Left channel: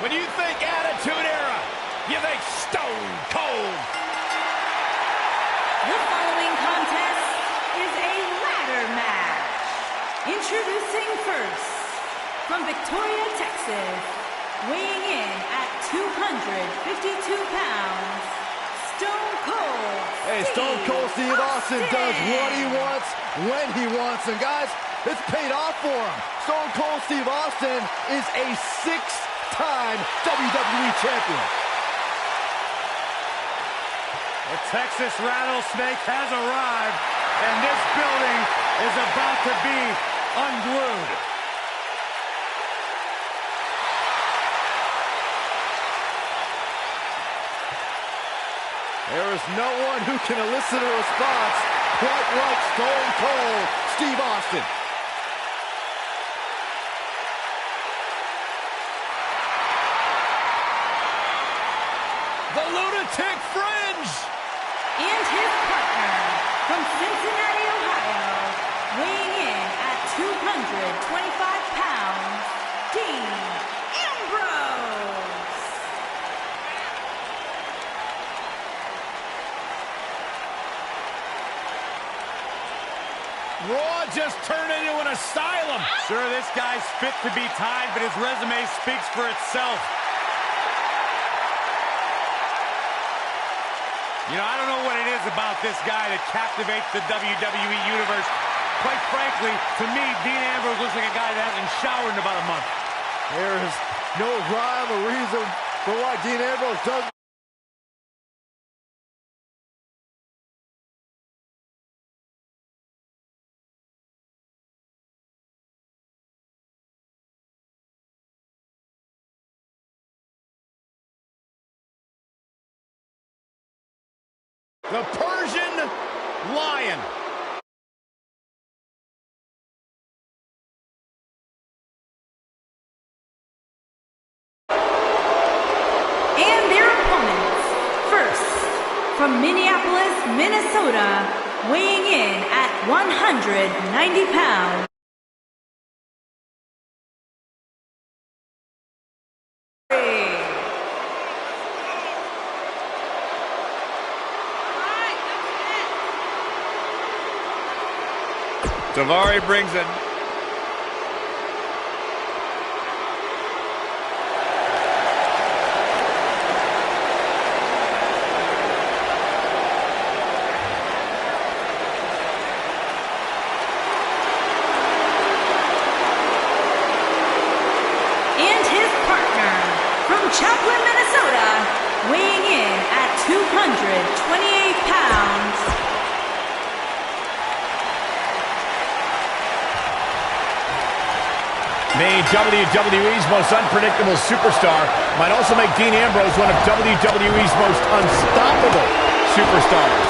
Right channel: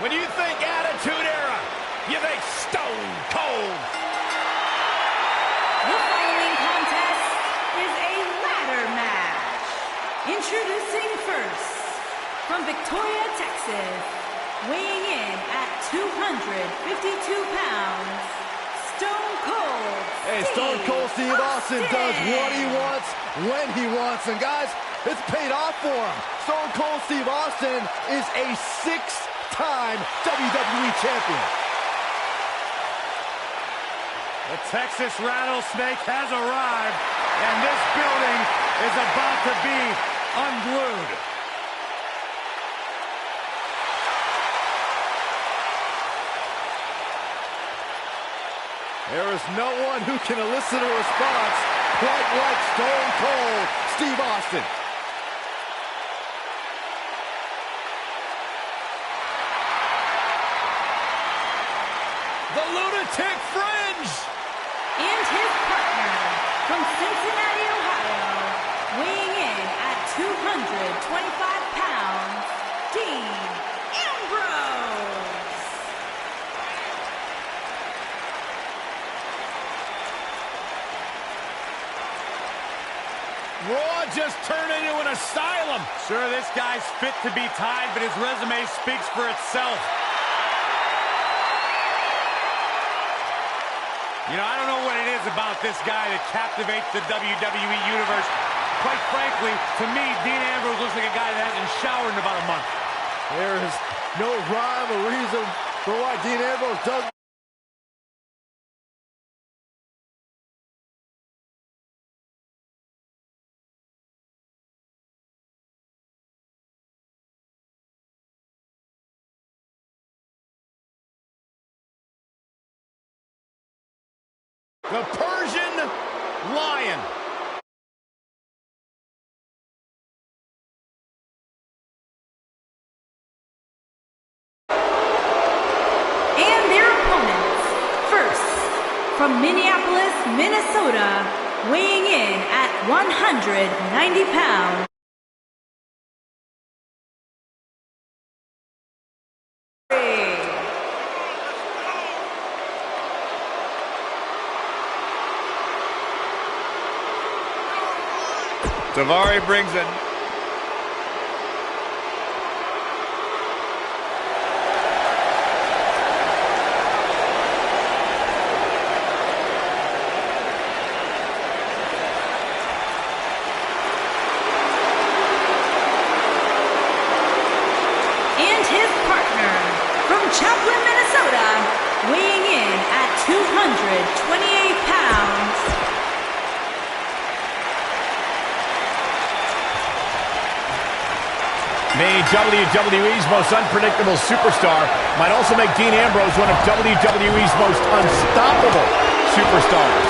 When you think Attitude Era, you think Stone Cold. The following contest is a ladder match. Introducing first, from Victoria, Texas, weighing in at 252 pounds, Stone Cold Hey, Stone Cold Steve Austin does what he wants, when he wants. And guys, it's paid off for him. Stone Cold Steve Austin is a six-time WWE champion. The Texas Rattlesnake has arrived, and this building is about to be unglued. There is no one who can elicit a response quite like Stone Cold Steve Austin. The Lunatic Fringe! And his partner, from Cincinnati, Ohio, weighing in at 225 pounds, Dean Ambrose. Raw just turned into an asylum. Sure, this guy's fit to be tied, but his resume speaks for itself. You know, I don't know what it is about this guy that captivates the WWE Universe. Quite frankly, to me, Dean Ambrose looks like a guy that hasn't showered in about a month. There is no rhyme or reason for why Dean Ambrose does. The Persian Lion. And their opponents, first, from Minneapolis, Minnesota, weighing in at 190 pounds. Davari brings it. And his partner, from Chaplin, Minnesota, weighing in at 228 pounds. Made WWE's most unpredictable superstar, might also make Dean Ambrose one of WWE's most unstoppable superstars.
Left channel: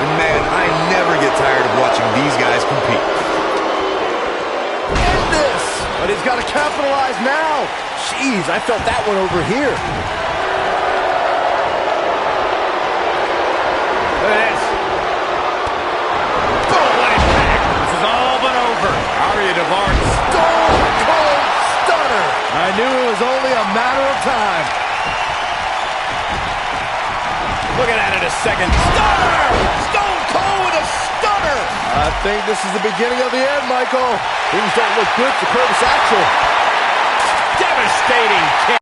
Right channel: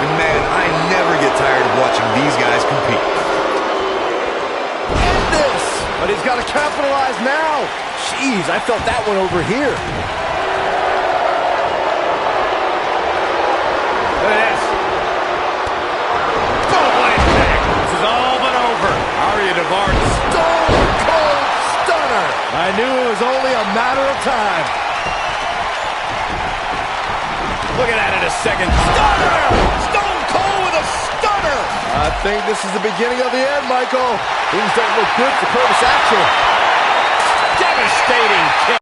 And man, I never get tired of watching these guys compete. End this! But he's got to capitalize now. Jeez, I felt that one over here. Look at this. Boom, what impact. This is all but over. Arya Davari. Stone Cold Stunner. I knew it was only a matter of time. Look at that in a second. Stunner! Stone Cold with a stunner! I think this is the beginning of the end, Michael. Things don't look good for Curtis Axel. Devastating kick.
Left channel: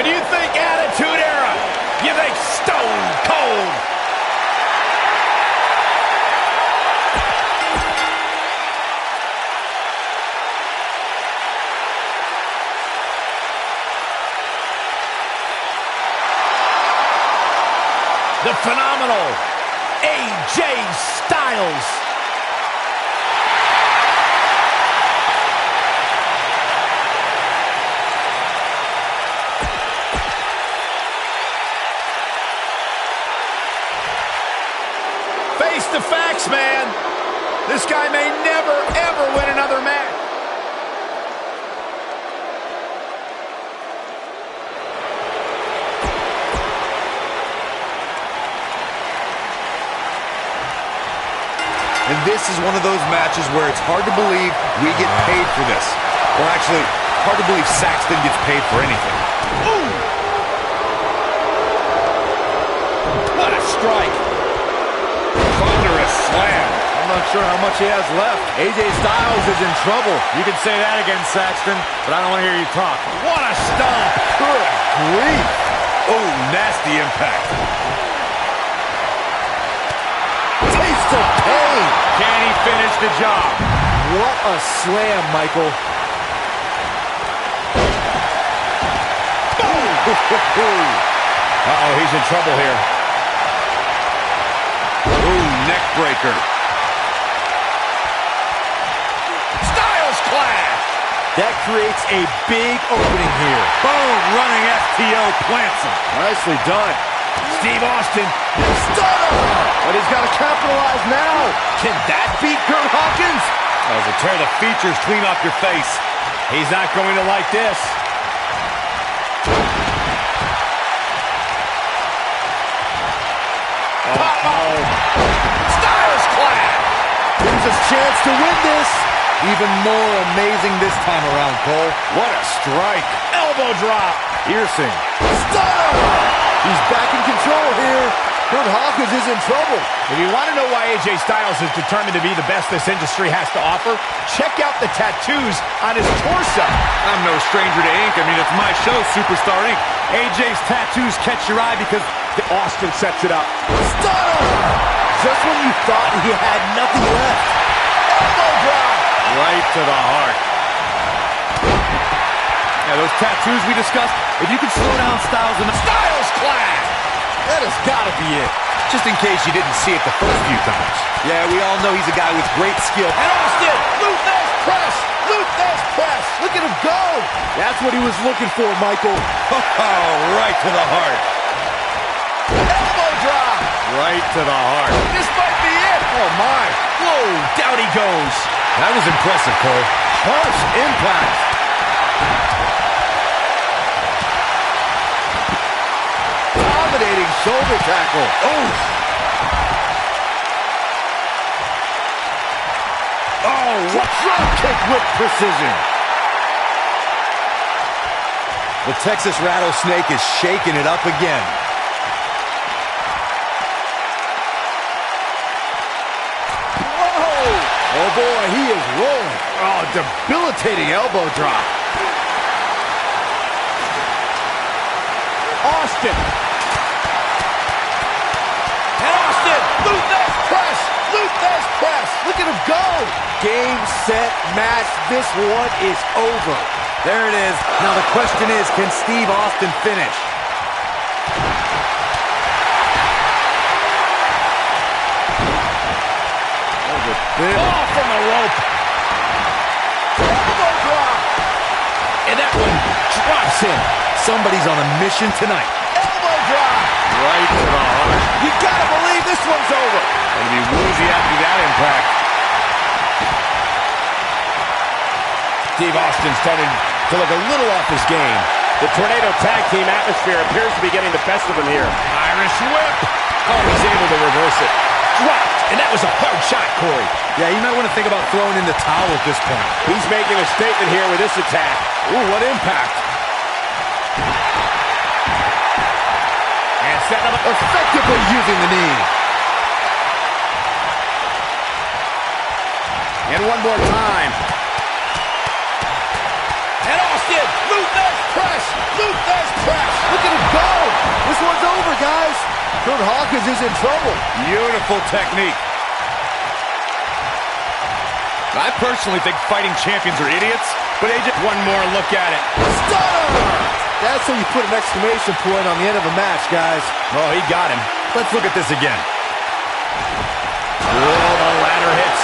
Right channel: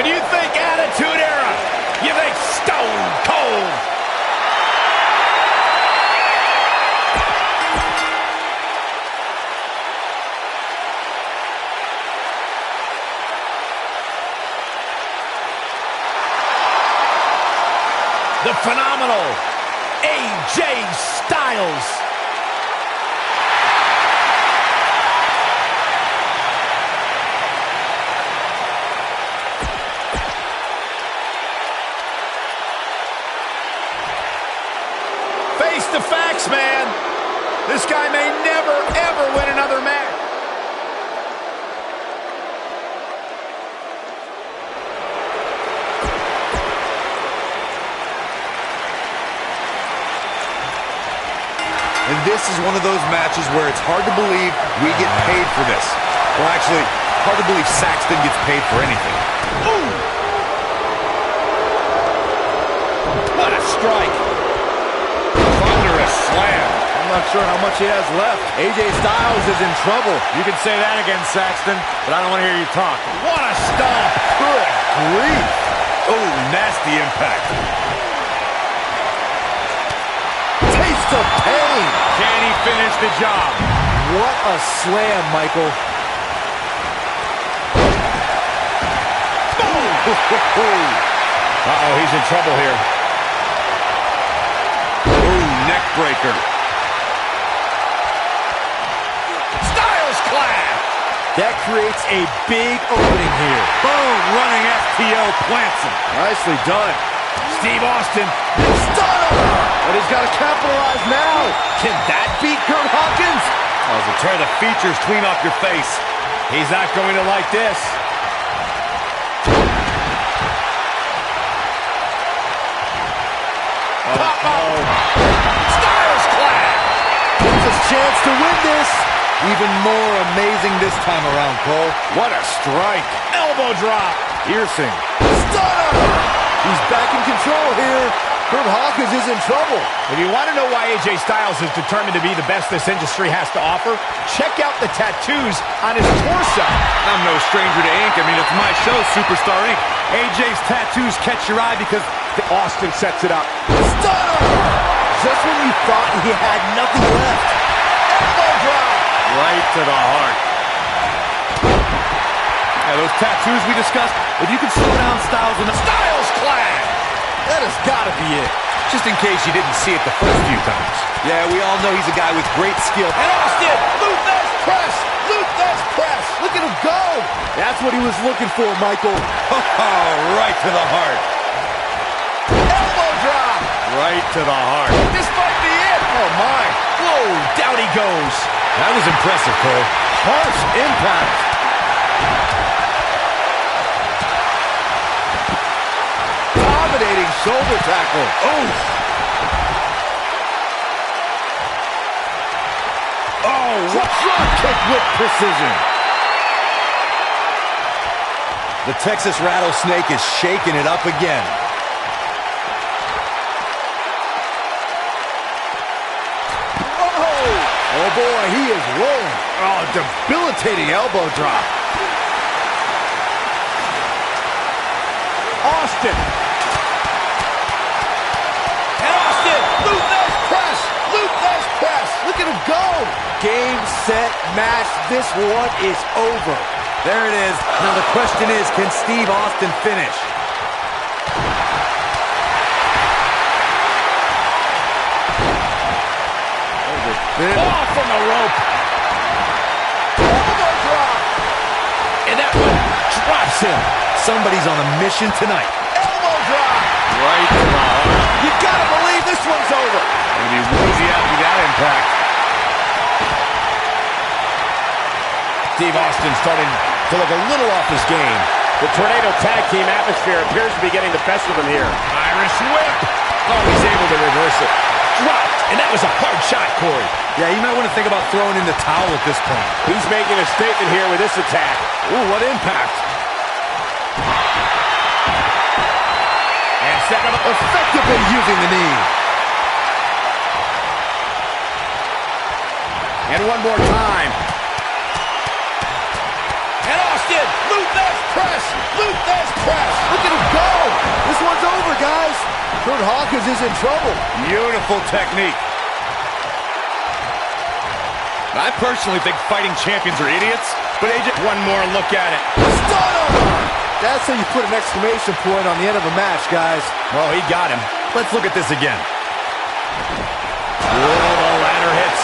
When you think Attitude Era, you think Stone Cold. The phenomenal AJ Styles. Face the facts, man. This guy may never, ever win another match. And this is one of those matches where it's hard to believe we get paid for this. Or actually, hard to believe Saxton gets paid for anything. Ooh! What a strike. Thunderous slam. I'm not sure how much he has left. AJ Styles is in trouble. You can say that again, Saxton, but I don't want to hear you talk. What a stomp. Good grief. Oh, nasty impact. Taste of pain. Can he finish the job? What a slam, Michael. Boom! Uh-oh, he's in trouble here. Ooh, neck breaker. Styles clash! That creates a big opening here. Boom, running STO plants him. Nicely done. Steve Austin. Stunner! But he's got to capitalize now. Can that beat Kurt Hawkins? Oh, so tear the features clean off your face. He's not going to like this. Uh-oh. Styles clash! Here's his chance to win this. Even more amazing this time around, Cole. What a strike. Elbow drop. Piercing. Stunner! He's back in control here. Kurt Hawkins is in trouble. If you want to know why AJ Styles is determined to be the best this industry has to offer, check out the tattoos on his torso. I'm no stranger to ink. I mean, it's my show, Superstar Ink. AJ's tattoos catch your eye because Austin sets it up. Stunner! Just when you thought he had nothing left. Elbow drop! Right to the heart. Yeah, those tattoos we discussed, if you could slow down Styles enough. Styles clash! That has got to be it. just in case you didn't see it the first few times. Yeah, we all know he's a guy with great skill. And Austin, Luther's press! Luther's press! Look at him go! That's what he was looking for, Michael. Oh, right to the heart. Elbow drop! Right to the heart. This might be it! Oh, my. Whoa, down he goes. That was impressive, Cole. Harsh impact. Dominating shoulder tackle. Oh! Oh, what drop kick with precision. The Texas Rattlesnake is shaking it up again. Whoa! Oh boy, he is rolling. Oh, debilitating elbow drop. Austin. And Austin, Luther's press. Luther's press. Look at him go. Game, set, match. This one is over. There it is. Now the question is, can Steve Austin finish? Ball from the rope. Elbow drop. And that one drops him. Somebody's on a mission tonight. Elbow drop. Right to the heart. You gotta believe this one's over. Gonna be woozy after that impact. Steve Austin starting to look a little off his game. The Tornado Tag Team atmosphere appears to be getting the best of him here. Irish whip. Oh, he's able to reverse it. Dropped, and that was a hard shot, Corey. Yeah, you might want to think about throwing in the towel at this point. He's making a statement here with this attack. Ooh, what impact. And setting up Effectively using the knee. And one more time. And Austin, Luther's press, Luther's press. Look at him go. This one's over, guys. Kurt Hawkins is in trouble. Beautiful technique. I personally think fighting champions are idiots, but AJ, one more look at it. Stunner! That's how you put an exclamation point on the end of a match, guys. Oh, he got him. Let's look at this again. Oh, the ladder hits.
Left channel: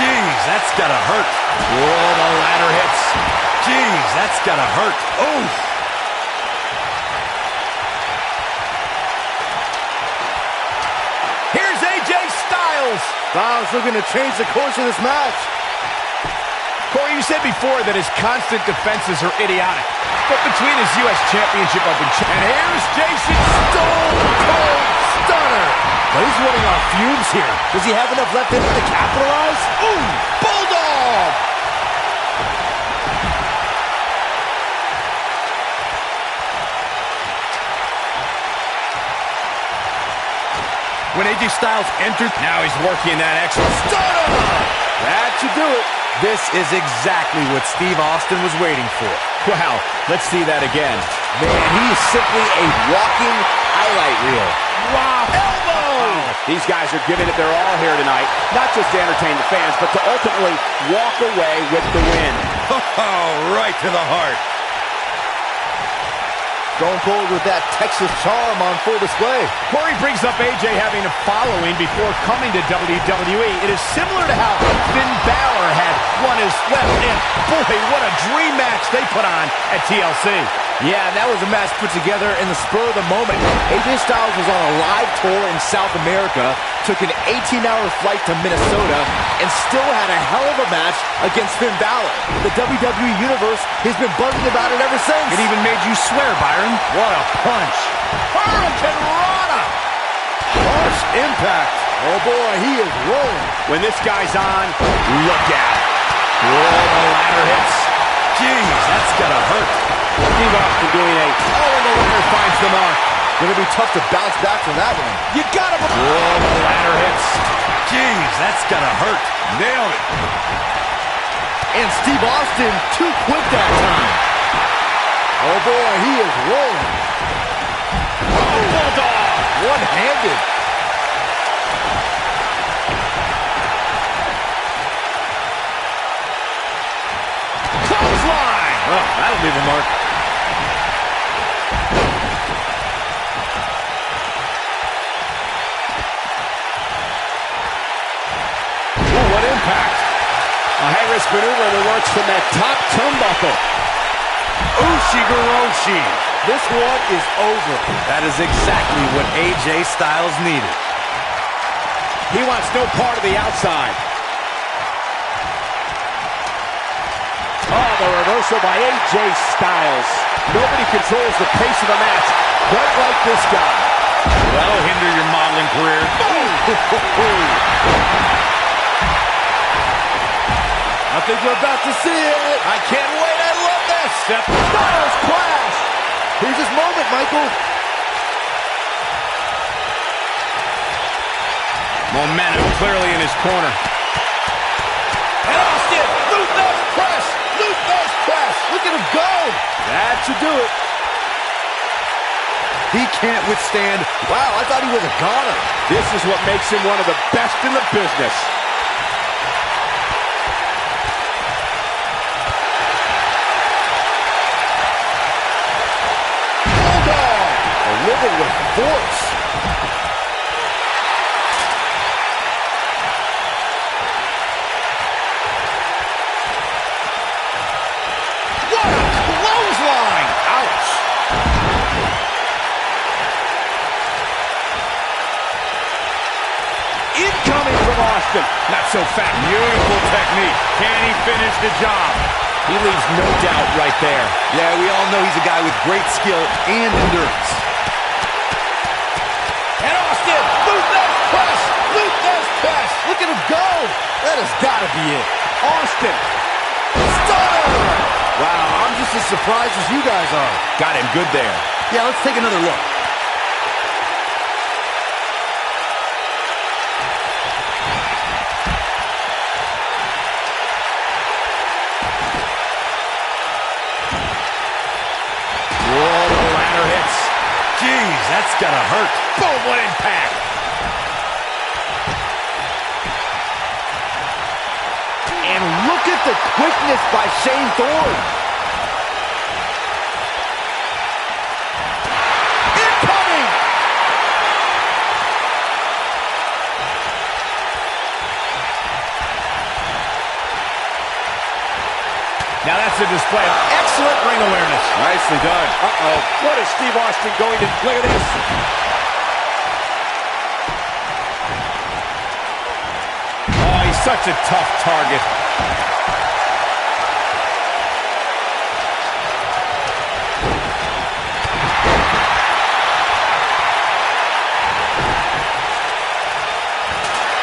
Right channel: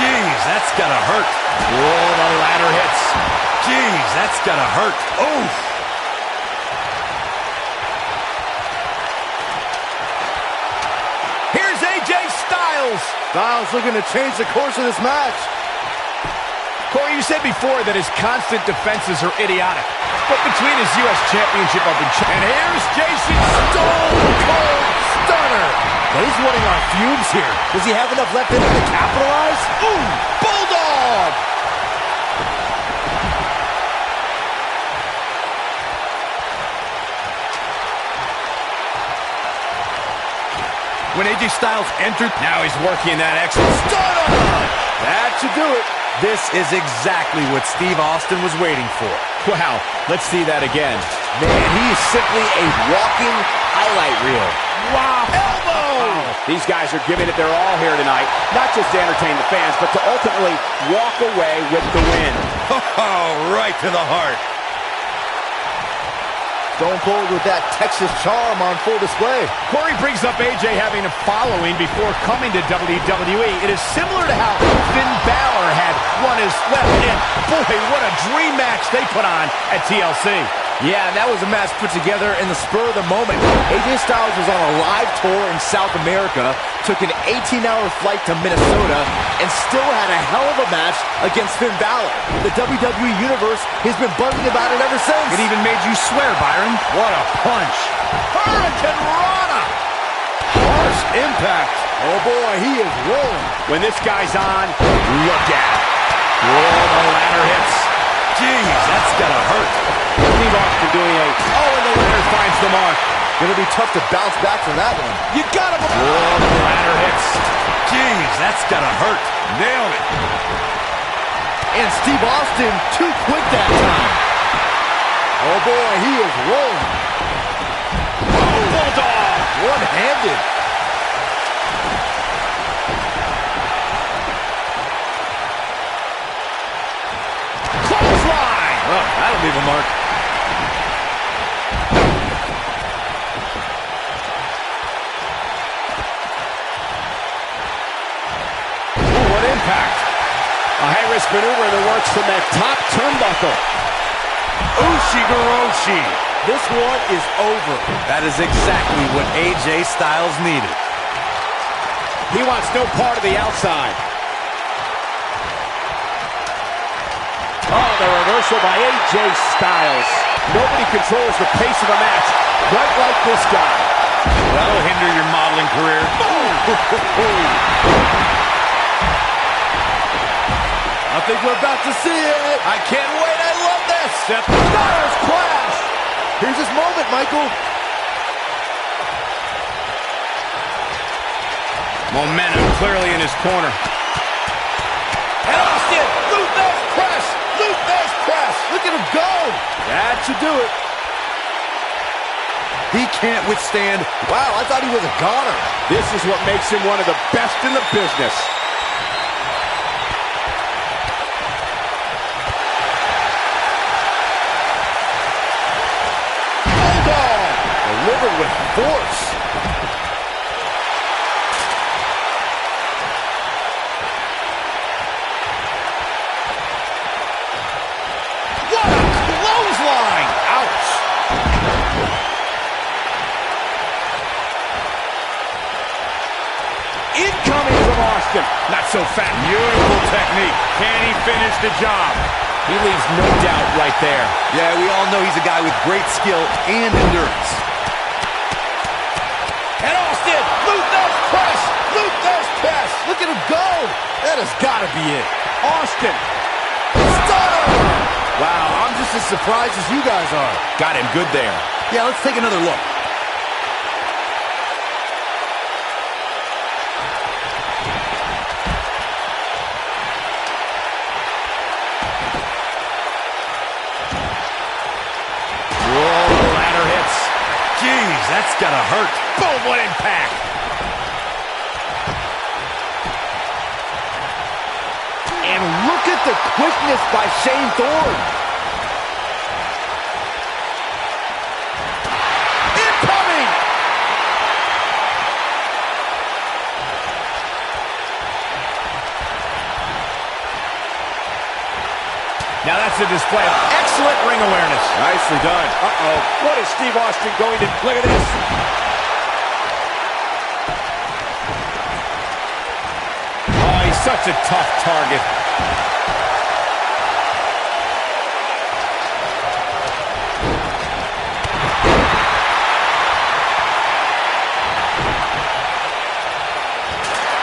Jeez, that's gotta hurt. Oh, the ladder hits. Jeez, that's gotta hurt. Oof. Here's AJ Styles. Styles looking to change the course of this match. Corey, you said before that his constant defenses are idiotic. But between his U.S. Championship Open... And here's Jason Stone Cold Stunner. But he's running on fumes here. Does he have enough left in him to capitalize? Ooh, Bulldog! When AJ Styles entered, now he's working that extra Stunner! That should do it. This is exactly what Steve Austin was waiting for. Wow, let's see that again. Man, he is simply a walking highlight reel. Wow. Elbow! These guys are giving it their all here tonight, not just to entertain the fans, but to ultimately walk away with the win. Oh, right to the heart. Stone Cold with that Texas charm on full display. Corey brings up AJ having a following before coming to WWE. It is similar to how Finn Balor had won his left, and boy, what a dream match they put on at TLC. Yeah, that was a match put together in the spur of the moment. AJ Styles was on a live tour in South America, took an 18-hour flight to Minnesota, and still had a hell of a match against Finn Balor. The WWE Universe has been buzzing about it ever since. It even made you swear, Byron. What a punch. Hurricane Rana! Harsh impact. Oh boy, he is rolling. When this guy's on, look at it. Oh, the ladder hits. Jeez, that's gotta hurt. Steve Austin doing a, and the ladder finds the mark. Gonna be tough to bounce back from that one. You got him. Oh, the ladder hits. Jeez, that's gotta hurt. Nailed it. And Steve Austin too quick that time. Oh boy, he is rolling. Oh, Bulldog. One-handed. Clothesline. Oh, that'll leave a mark. Ooh, what impact. A high-risk maneuver in the works from that top turnbuckle. Ushigoroshi. This one is over. That is exactly what AJ Styles needed. He wants no part of the outside. Oh, the reversal by AJ Styles. Nobody controls the pace of a match quite like this guy. That'll hinder your modeling career. I think we're about to see it. I can't wait. I love this. Styles clash. Here's his moment, Michael. Momentum clearly in his corner. And Austin, Luther's press. Luther's press. Look at him go. That should do it. He can't withstand. Wow, I thought he was a goner. This is what makes him one of the best in the business. Bulldog delivered with force. What a clothesline! Ouch! Incoming from Austin. Not so fast. Beautiful technique. Can he finish the job? He leaves no doubt right there. Yeah, we all know he's a guy with great skill and endurance. And Austin, Luther's press. Luther's press. Look at him go. That has got to be it. Austin. Stunner. Wow, I'm just as surprised as you guys are. Got him good there. Yeah, let's take another look. Jeez, that's gotta hurt. Boom, what impact. And look at the quickness by Shane Thorne. Incoming! Now that's a display of excellent ring awareness. Nicely done. Uh-oh. What is Steve Austin going to... Look at this. Oh, he's such a tough target.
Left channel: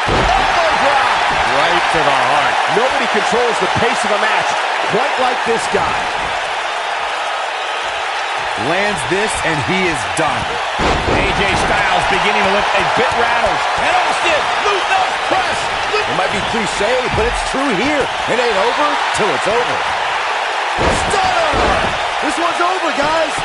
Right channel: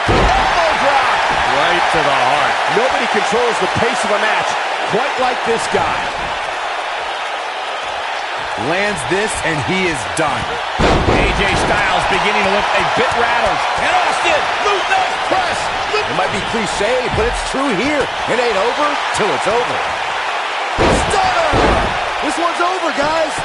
Elbow drop. Right to the heart. Nobody controls the pace of a match quite like this guy. Lands this, and he is done. AJ Styles beginning to look a bit rattled. And Austin, Luke Nose press. It might be cliche, but it's true here. It ain't over till it's over. Stunner! This one's over, guys.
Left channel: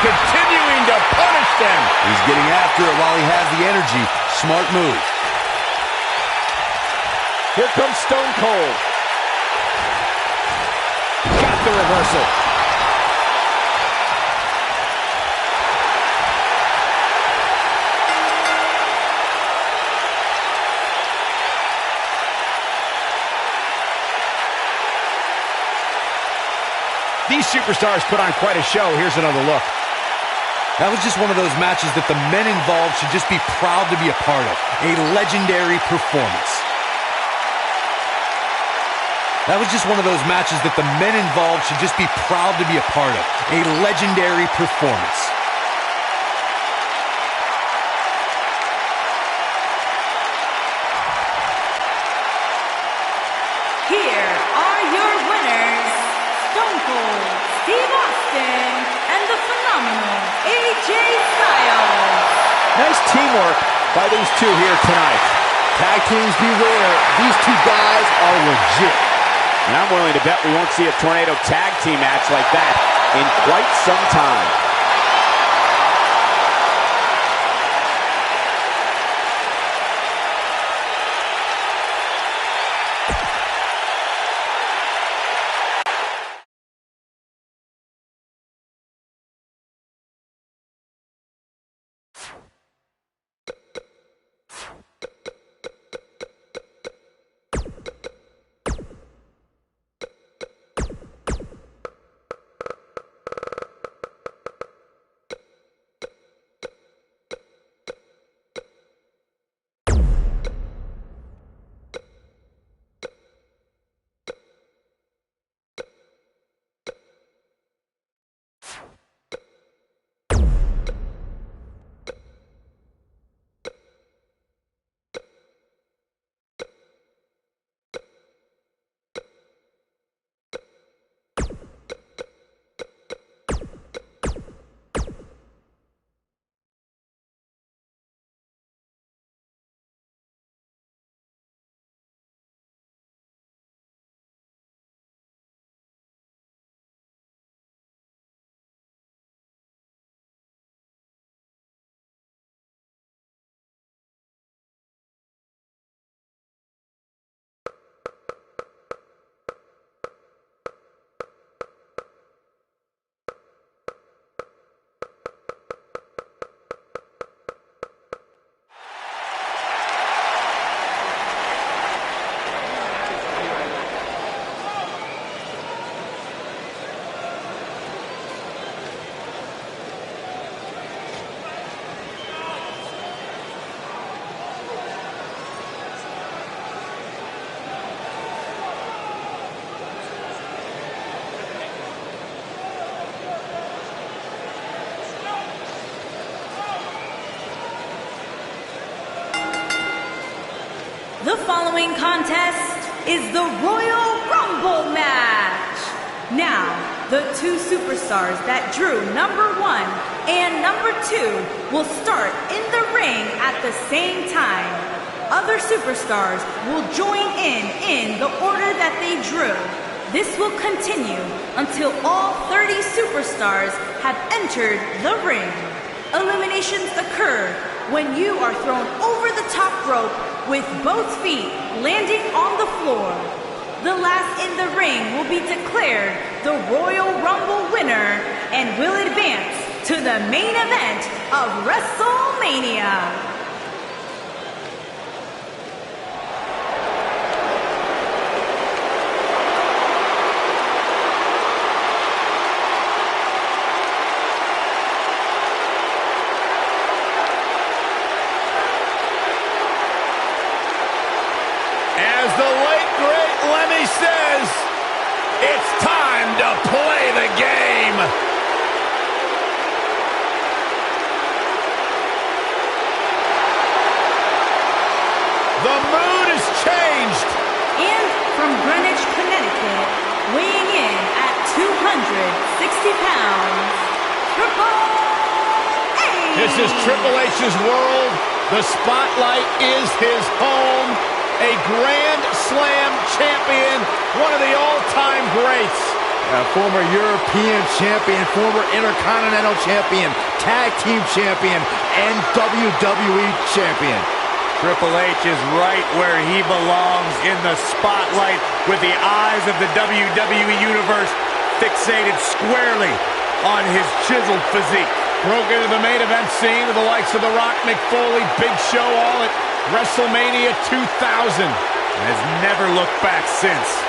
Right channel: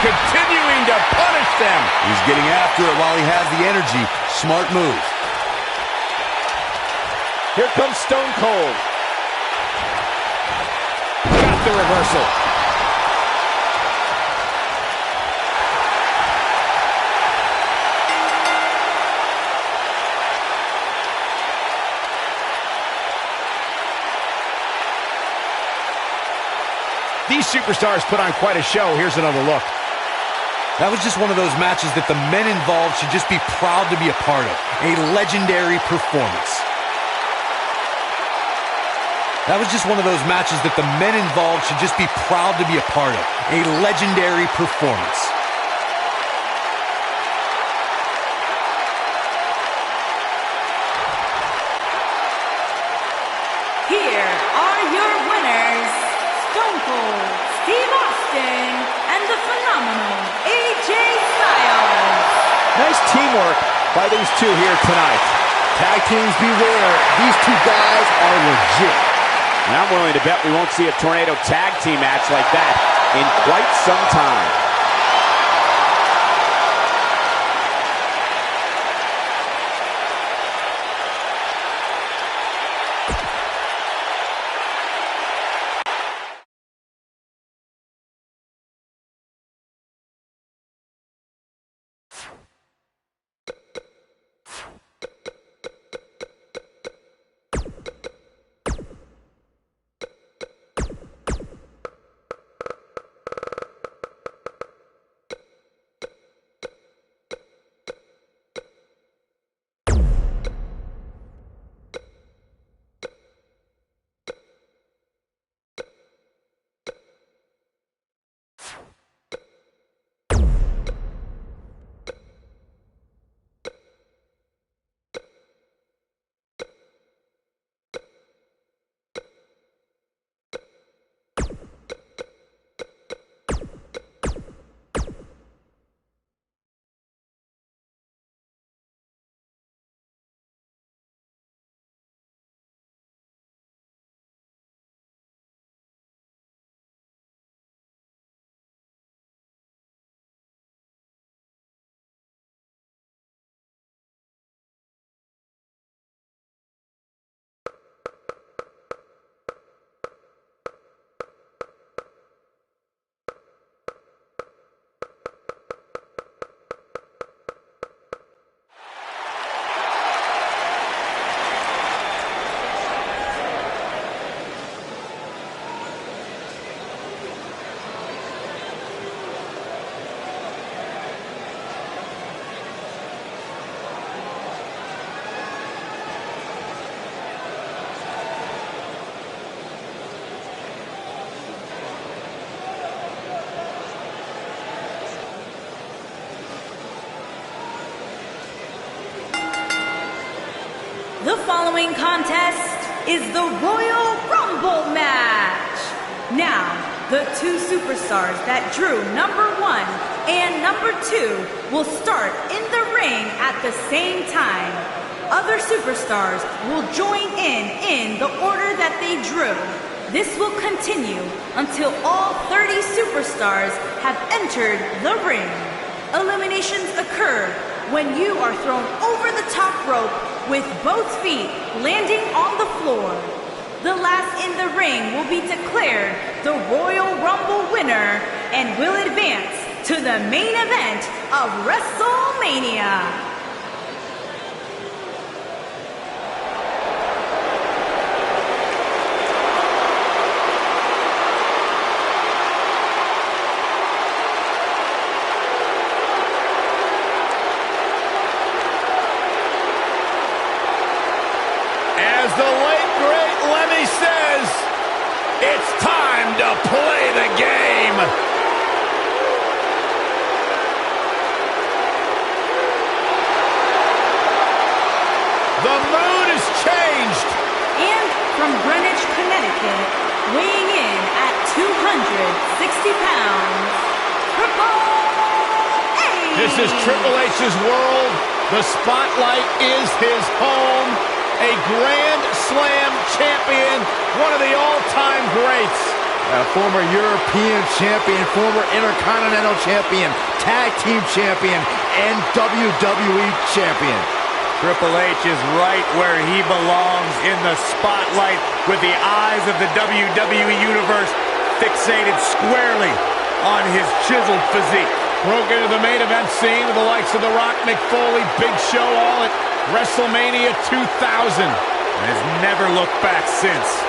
Continuing to punish them. He's getting after it while he has the energy. Smart move. Here comes Stone Cold. Got the reversal. These superstars put on quite a show. Here's another look. That was just one of those matches that the men involved should just be proud to be a part of. A legendary performance. That was just one of those matches that the men involved should just be proud to be a part of. A legendary performance. Here are your winners, Stone Cold Steve Austin and the phenomenal AJ Styles. Nice teamwork by these two here tonight. Tag teams beware. These two guys are legit. And I'm willing to bet we won't see a Tornado tag team match like that in quite some time. The following contest is the Royal Rumble match. Now, the two superstars that drew number 1 and number 2 will start in the ring at the same time. other superstars will join in the order that they drew. This will continue until all 30 superstars have entered the ring. Eliminations occur when you are thrown over the top rope with both feet landing on the floor. The last in the ring will be declared the Royal Rumble winner and will advance to the main event of WrestleMania. As the late, great Lemmy says, it's time to play the game. The mood has changed. And from Greenwich, Connecticut, weighing in at 260 pounds, Triple H. This is Triple H's world. The spotlight is his home. A Grand Slam champion, one of the all-time greats. A former European champion, former Intercontinental champion, Tag Team champion, and WWE champion. Triple H is right where he belongs, in the spotlight, with the eyes of the WWE Universe fixated squarely on his chiseled physique. Broke into the main event scene with the likes of The Rock, Mick Foley, Big Show, all at WrestleMania 2000. And has never looked back since.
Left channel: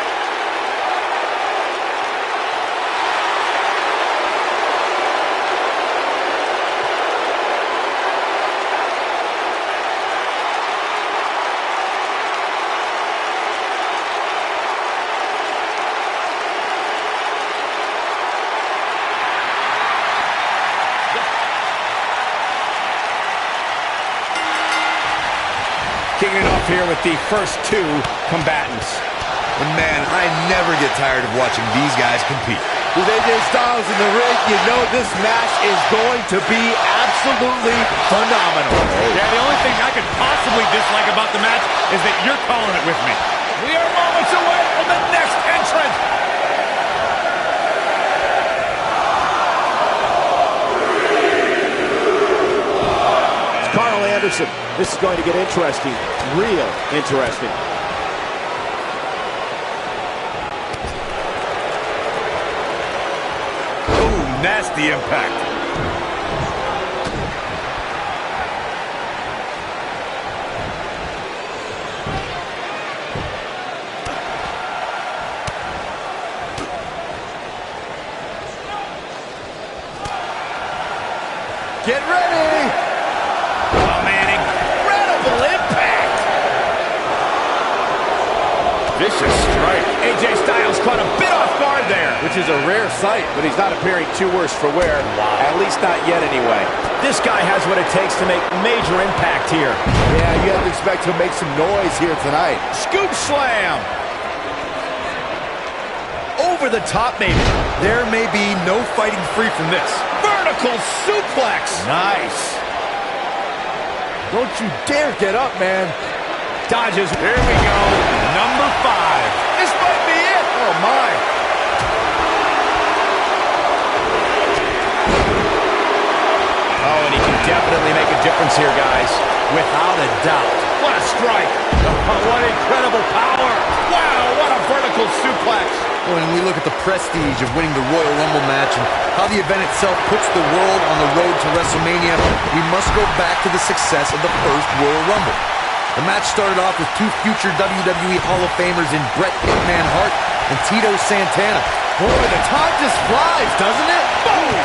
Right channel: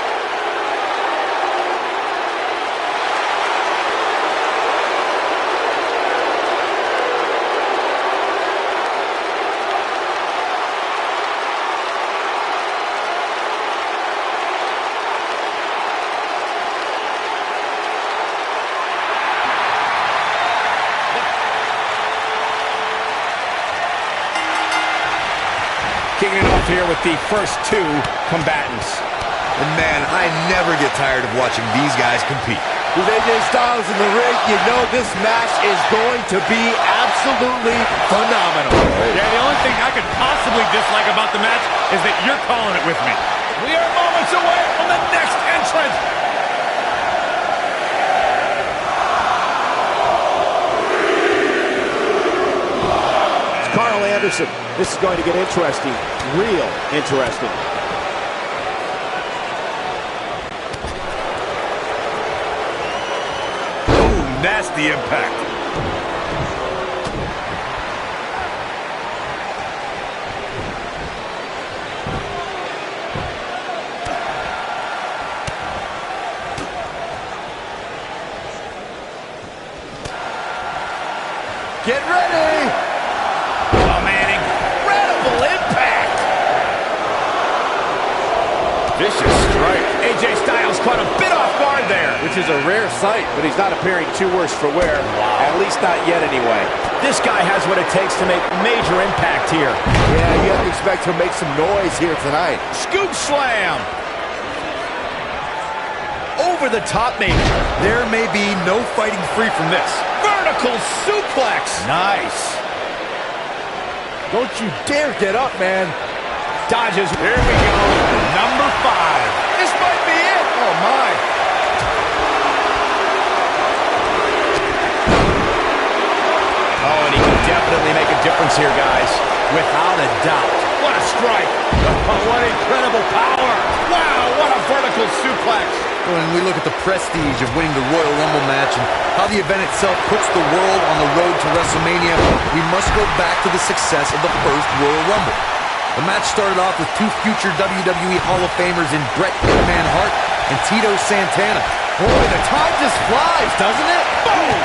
Kicking it off here with the first two combatants. And man, I never get tired of watching these guys compete. With AJ Styles in the ring, you know this match is going to be absolutely phenomenal. Yeah, the only thing I could possibly dislike about the match is that you're calling it with me. We are moments away from the next entrant. It's Carl Anderson. This is going to get interesting, real interesting. Oh, nasty impact. Get ready! Oh, man, incredible impact! Vicious strike. AJ Styles caught a bit off guard there. Which is a rare sight, but he's not appearing too worse for wear. Wow. At least not yet, anyway. This guy has what it takes to make major impact here. Yeah, you have to expect to make some noise here tonight. Scoop slam. Over the top, maybe. There may be no fighting free from this. Vertical suplex. Nice. Don't you dare get up, man. Dodges. Here we go. Number 5. This might be it. Oh, my. Oh, and he can definitely make a difference here, guys. Without a doubt. What a strike. Oh, what incredible power. Wow, what a vertical suplex. When we look at the prestige of winning the Royal Rumble match and how the event itself puts the world on the road to WrestleMania, we must go back to the success of the first Royal Rumble. The match started off with two future WWE Hall of Famers in Bret Hitman Hart and Tito Santana. Boy, the time just flies, doesn't it? Boom!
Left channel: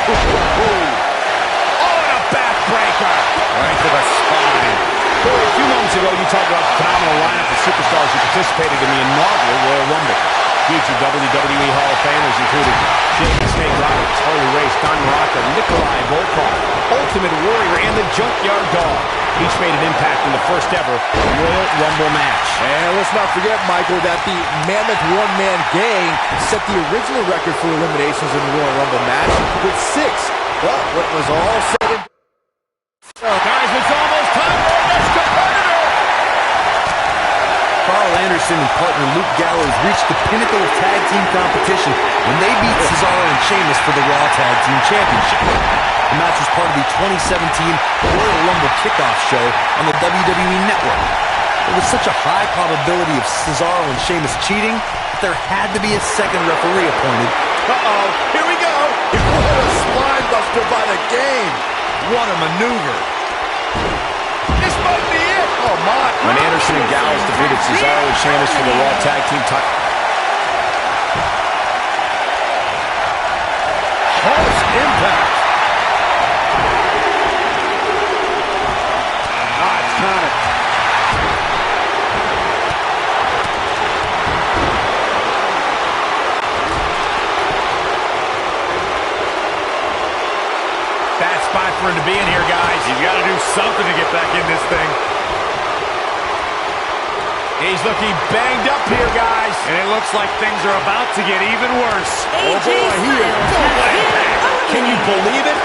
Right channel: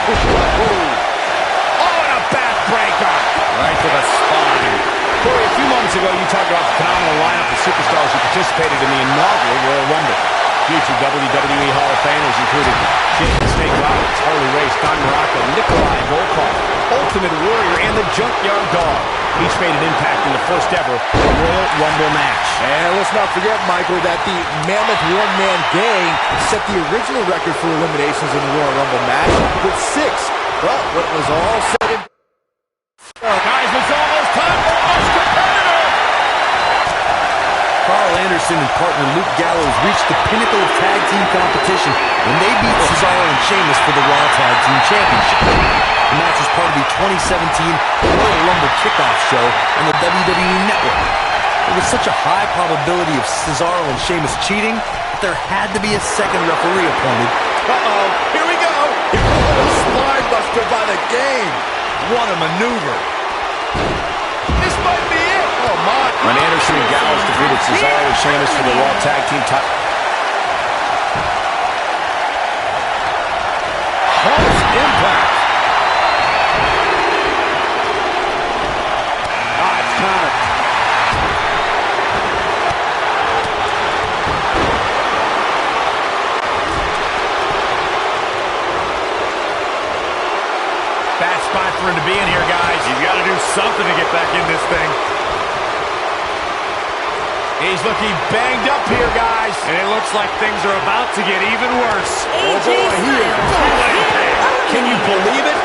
Oh, and a backbreaker. Right to the spine. Corey, a few moments ago, you talked about the phenomenal lineup of superstars who participated in the inaugural Royal Rumble. Future WWE Hall of Famers included Jake the Snake Roberts, Harley Race, Don Morocco, Nikolai Volkov, Ultimate Warrior, and the Junkyard Dog. Each made an impact in the first ever Royal Rumble match. And let's not forget, Michael, that the Mammoth One-Man Gang set the original record for eliminations in the Royal Rumble match with 6. But when it was all said and Guys, it's almost time for our next competitor. Carl Anderson and partner Luke Gallows reached the pinnacle of tag team competition when they beat Cesaro and Sheamus for the Raw Tag Team Championship. The match was part of the 2017 Royal Rumble kickoff show on the WWE Network. There was such a high probability of Cesaro and Sheamus cheating that there had to be a second referee appointed. Uh-oh, here we go. What a spine buster by the game. What a maneuver. This might be it. Oh, my. When Anderson and Gallows defeated Cesaro and Sheamus for the Raw Tag Team title. Harsh impact. It's counted. Bad spot for him to be in here, guys. He's got to do something to get back in this thing. He's looking banged up here, guys. And it looks like things are about to get even worse. AJ Can you believe it?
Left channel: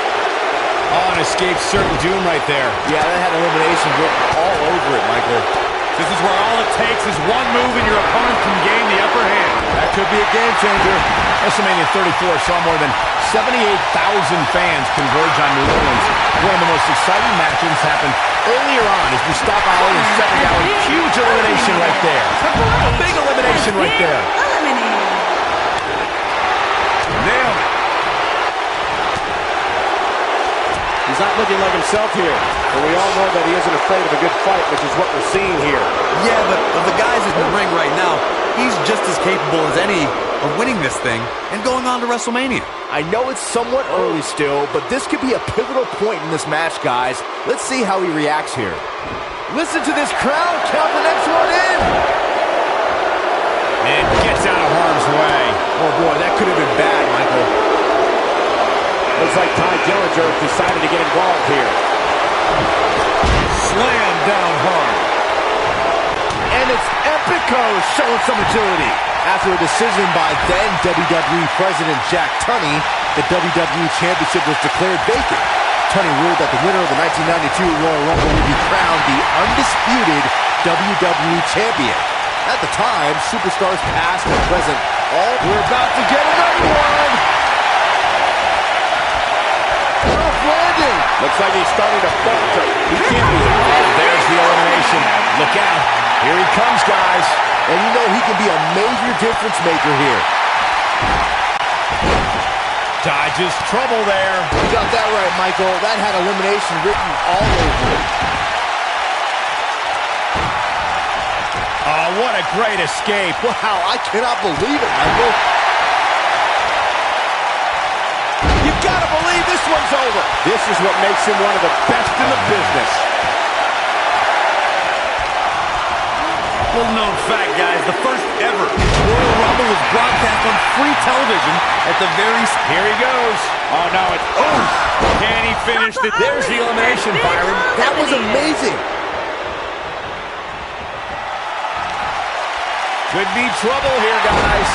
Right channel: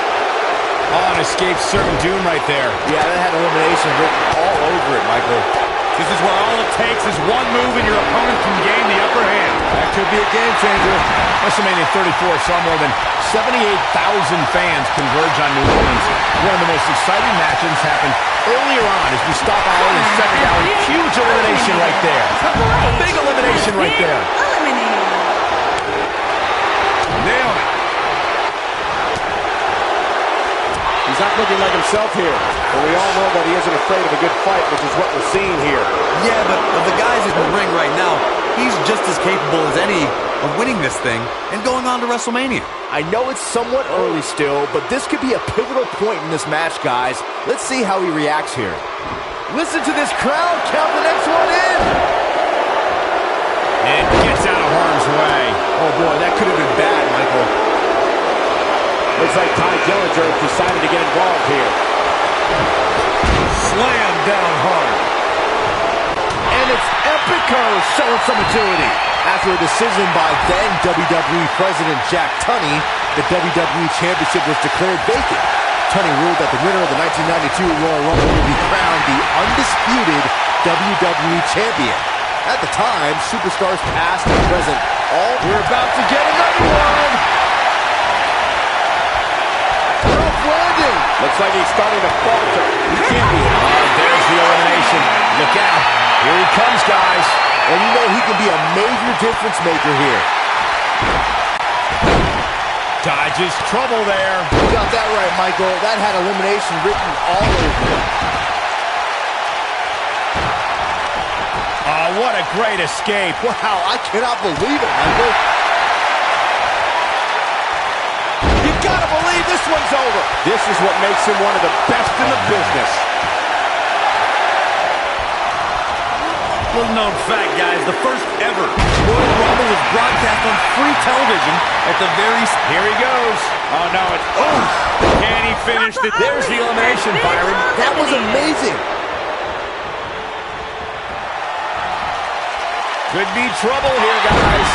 Oh, and escaped certain doom right there. Yeah, that had elimination written all over it, Michael. This is where all it takes is one move and your opponent can gain the upper hand. That could be a game changer. WrestleMania 34 saw more than 78,000 fans converge on New Orleans. One of the most exciting matches happened earlier on as we stop Ali and settle down. Huge elimination right there. Big elimination right there. Nailed it. He's not looking like himself here. But we all know that he isn't afraid of a good fight, which is what we're seeing here. Yeah, but of the guys in the ring right now, he's just as capable as any of winning this thing and going on to WrestleMania. I know it's somewhat early still, but this could be a pivotal point in this match, guys. Let's see how he reacts here. Listen to this crowd. Count the next one in. And gets out of harm's way. Oh, boy, that could have been bad, Michael. Looks like Ty Dillinger decided to get involved here. Slam down hard. And it's Epico showing some agility. After a decision by then WWE President Jack Tunney, the WWE Championship was declared vacant. Tunney ruled that the winner of the 1992 Royal Rumble would be crowned the undisputed WWE Champion. At the time, superstars past and present all... We're about to get another one! Rough landing! Looks like he's starting to falter. He can't be hit. There's the elimination. Look out. Here he comes, guys. And you know he can be a major difference maker here. Dodges trouble there. You got that right, Michael. That had elimination written all over it. Oh, what a great escape. Wow, I cannot believe it, Michael. You gotta believe this one's over. This is what makes him one of the best in the business. Little known fact, guys, the first ever Royal Rumble was broadcast on free television at the very... Here he goes. Oh, no, it's... Oh! Can he finish it? There's the elimination, Byron. That was amazing. Could be trouble here, guys.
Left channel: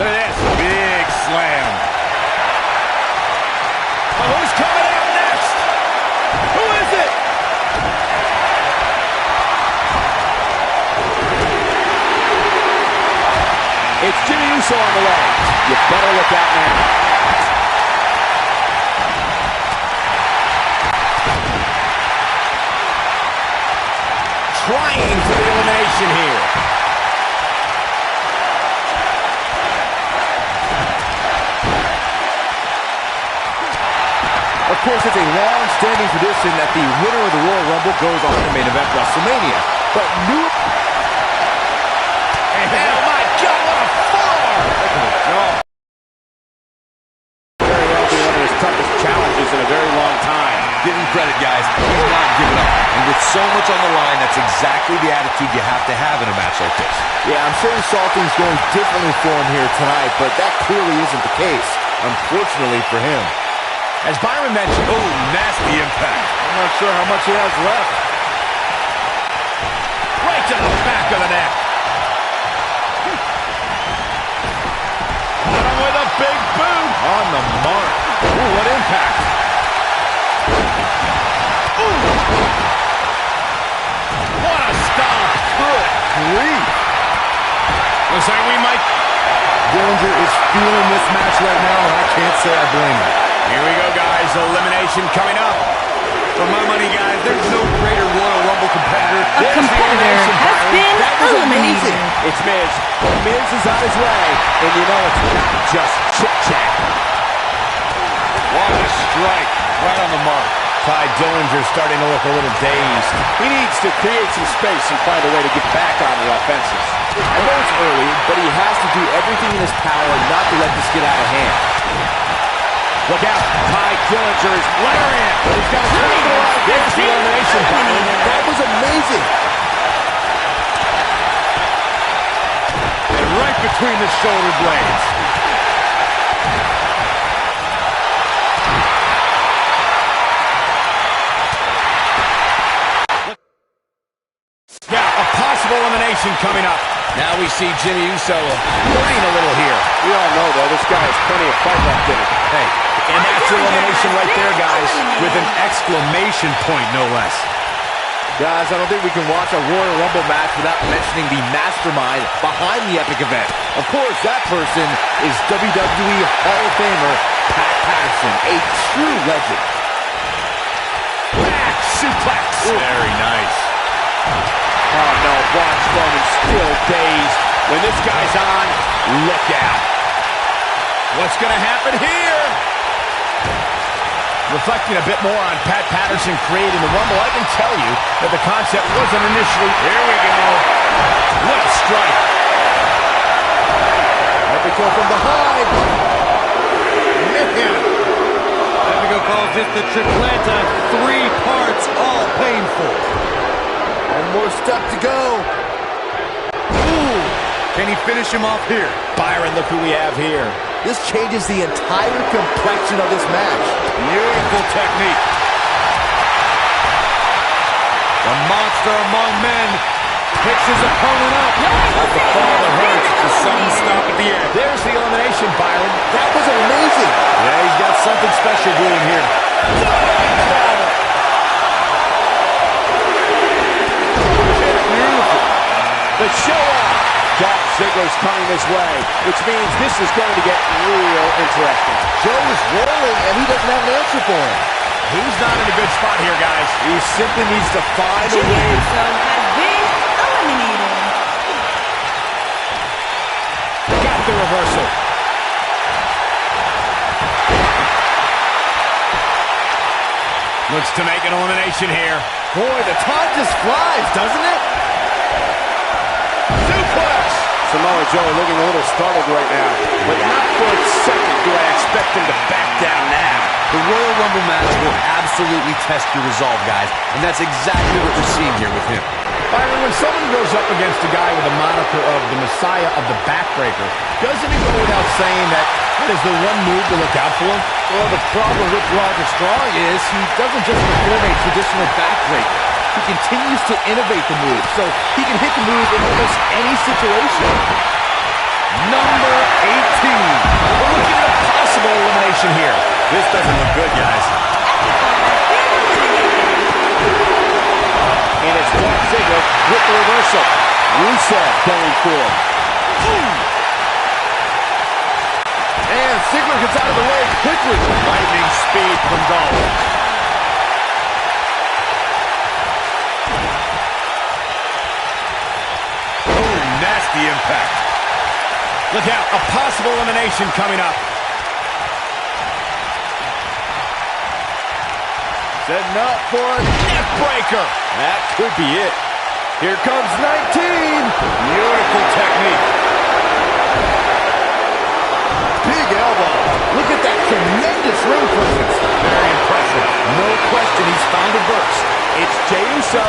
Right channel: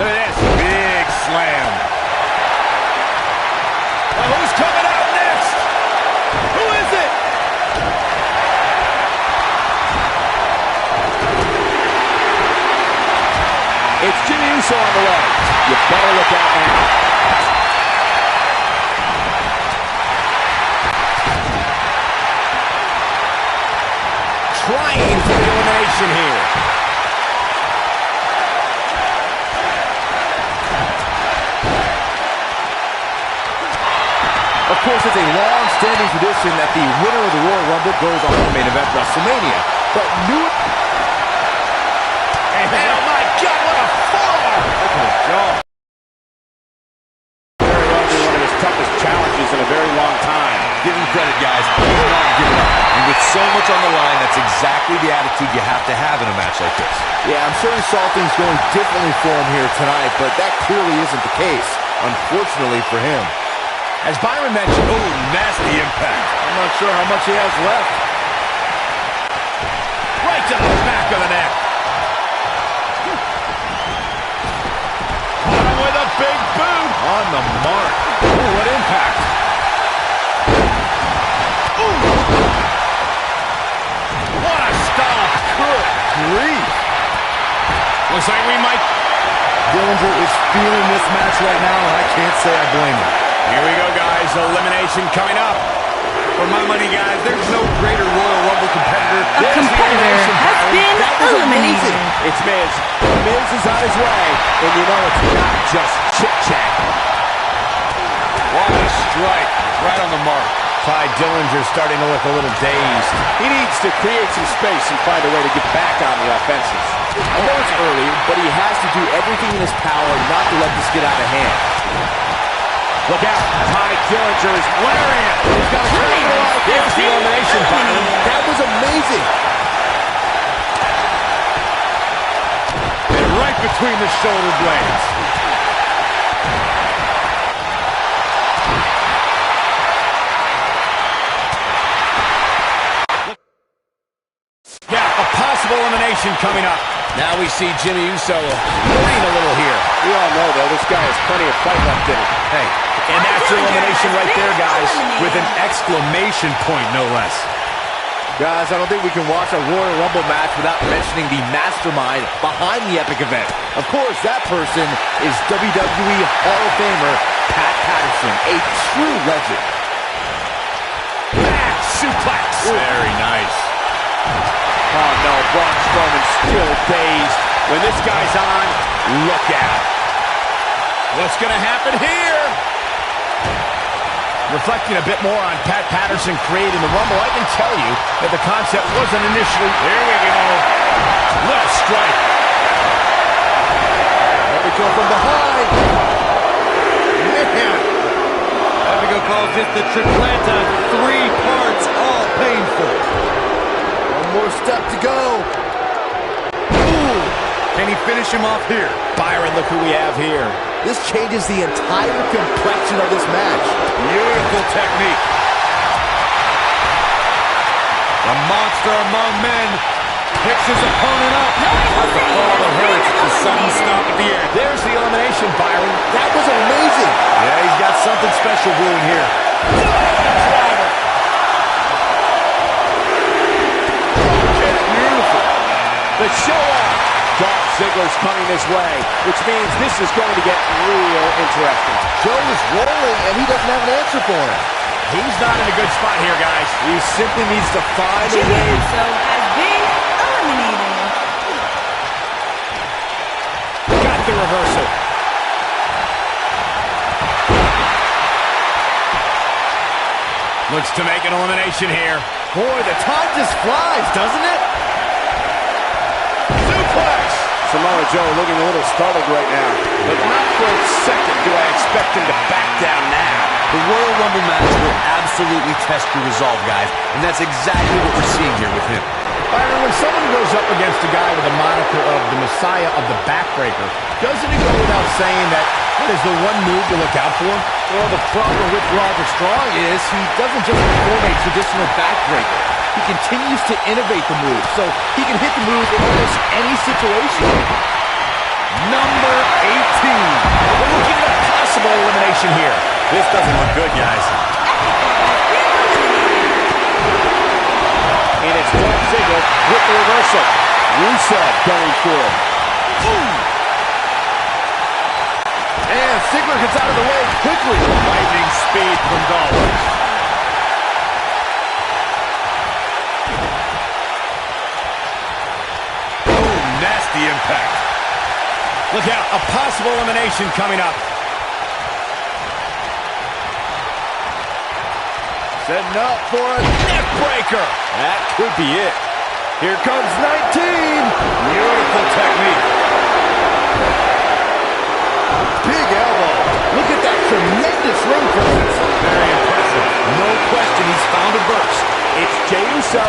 Look at this. Big slam. Oh, who's coming out next? Who is it? It's Jimmy Uso on the way. You better look out now. Trying for the elimination here. Of course, it's a long-standing tradition that the winner of the Royal Rumble goes on to main event WrestleMania. But new... And oh my God, what a forearm! Look at his jaw. Very well be one of his toughest challenges in a very long time. Give him credit, guys. He's not giving up. And with so much on the line, that's exactly the attitude you have to have in a match like this. Yeah, I'm sure he saw things going differently for him here tonight, but that clearly isn't the case, unfortunately for him. As Byron mentioned, Oh, nasty impact. I'm not sure how much he has left. right to the back of the neck. Caught him with a big boot. On the mark. Ooh, what impact. grief. Looks like we might... Dillinger is feeling this match right now, and I can't say I blame him. Here we go, guys. Elimination coming up. For my money, guys, there's no greater Royal Rumble competitor. A competitor has been eliminated. It's Miz. Miz is on his way, and you know it's not just chit-chat. What a strike. Right on the mark. Ty Dillinger's starting to look a little dazed. He needs to create some space and find a way to get back on the offensive. I know it's early, but he has to do everything in his power not to let this get out of hand. Look out. Ty Dillinger is lariat. He's got to capitalize. There's the elimination, Byron. That was amazing. And right between the shoulder blades. Yeah, a possible elimination coming up. Now we see Jimmy Uso hurting a little here. We all know, though, this guy has plenty of fight left in him. Hey, and that's elimination right there, guys. With an exclamation point, no less. Guys, I don't think we can watch a Royal Rumble match without mentioning the mastermind behind the epic event. Of course, that person is WWE Hall of Famer Pat Patterson, a true legend. Back suplex. Very nice. Oh, no, Braun Strowman still dazed. When this guy's on, look out. What's going to happen here? Reflecting a bit more on Pat Patterson creating the Rumble, I can tell you that the concept wasn't initially... Here we go. What a strike. There we go from behind. Man. Epico calls this the tripleta, 3 parts, all painful. One more step to go. Ooh. Can he finish him off here? Byron, look who we have here. This changes the entire complexion of this match. Beautiful technique. The monster among men picks his opponent up. Not the fall that hurts, it's a sudden stop at the end. There's the elimination, Byron. That was amazing. Yeah, he's got something special brewing here. Beautiful. The show-off. Dolph Ziggler's coming this way, which means this is going to get real interesting. Joe is rolling, and he doesn't have an answer for him. He's not in a good spot here, guys. He simply needs to find a Jimmy way. Uso has been eliminated. Got the reversal. Looks to make an elimination here. Boy, the time just flies, doesn't it? Suplex! Samoa Joe looking a little startled right now. But not for a second do I expect him to back down now. The Royal Rumble match will absolutely test your resolve, guys, and that's exactly what we're seeing here with him. Byron, when someone goes up against a guy with the moniker of the Messiah of the Backbreaker, doesn't it go without saying that is the one move to look out for? Well, the problem with Roderick Strong is he doesn't just perform a traditional backbreaker. He continues to innovate the move, so he can hit the move in almost any situation. Number 18. We're looking at a possible elimination here. This doesn't look good, guys. Epico has been eliminated. And it's Dolph Ziggler with the reversal. Rusev going for it. Ooh! And Ziggler gets out of the way quickly. Lightning speed from Dolph. Oh, nasty impact. Look out, a possible elimination coming up. Setting up for a neck breaker. That could be it. Here comes 19. Beautiful technique. Big elbow. Look at that tremendous ring presence. Very impressive. No question he's found a burst. It's Jey Uso.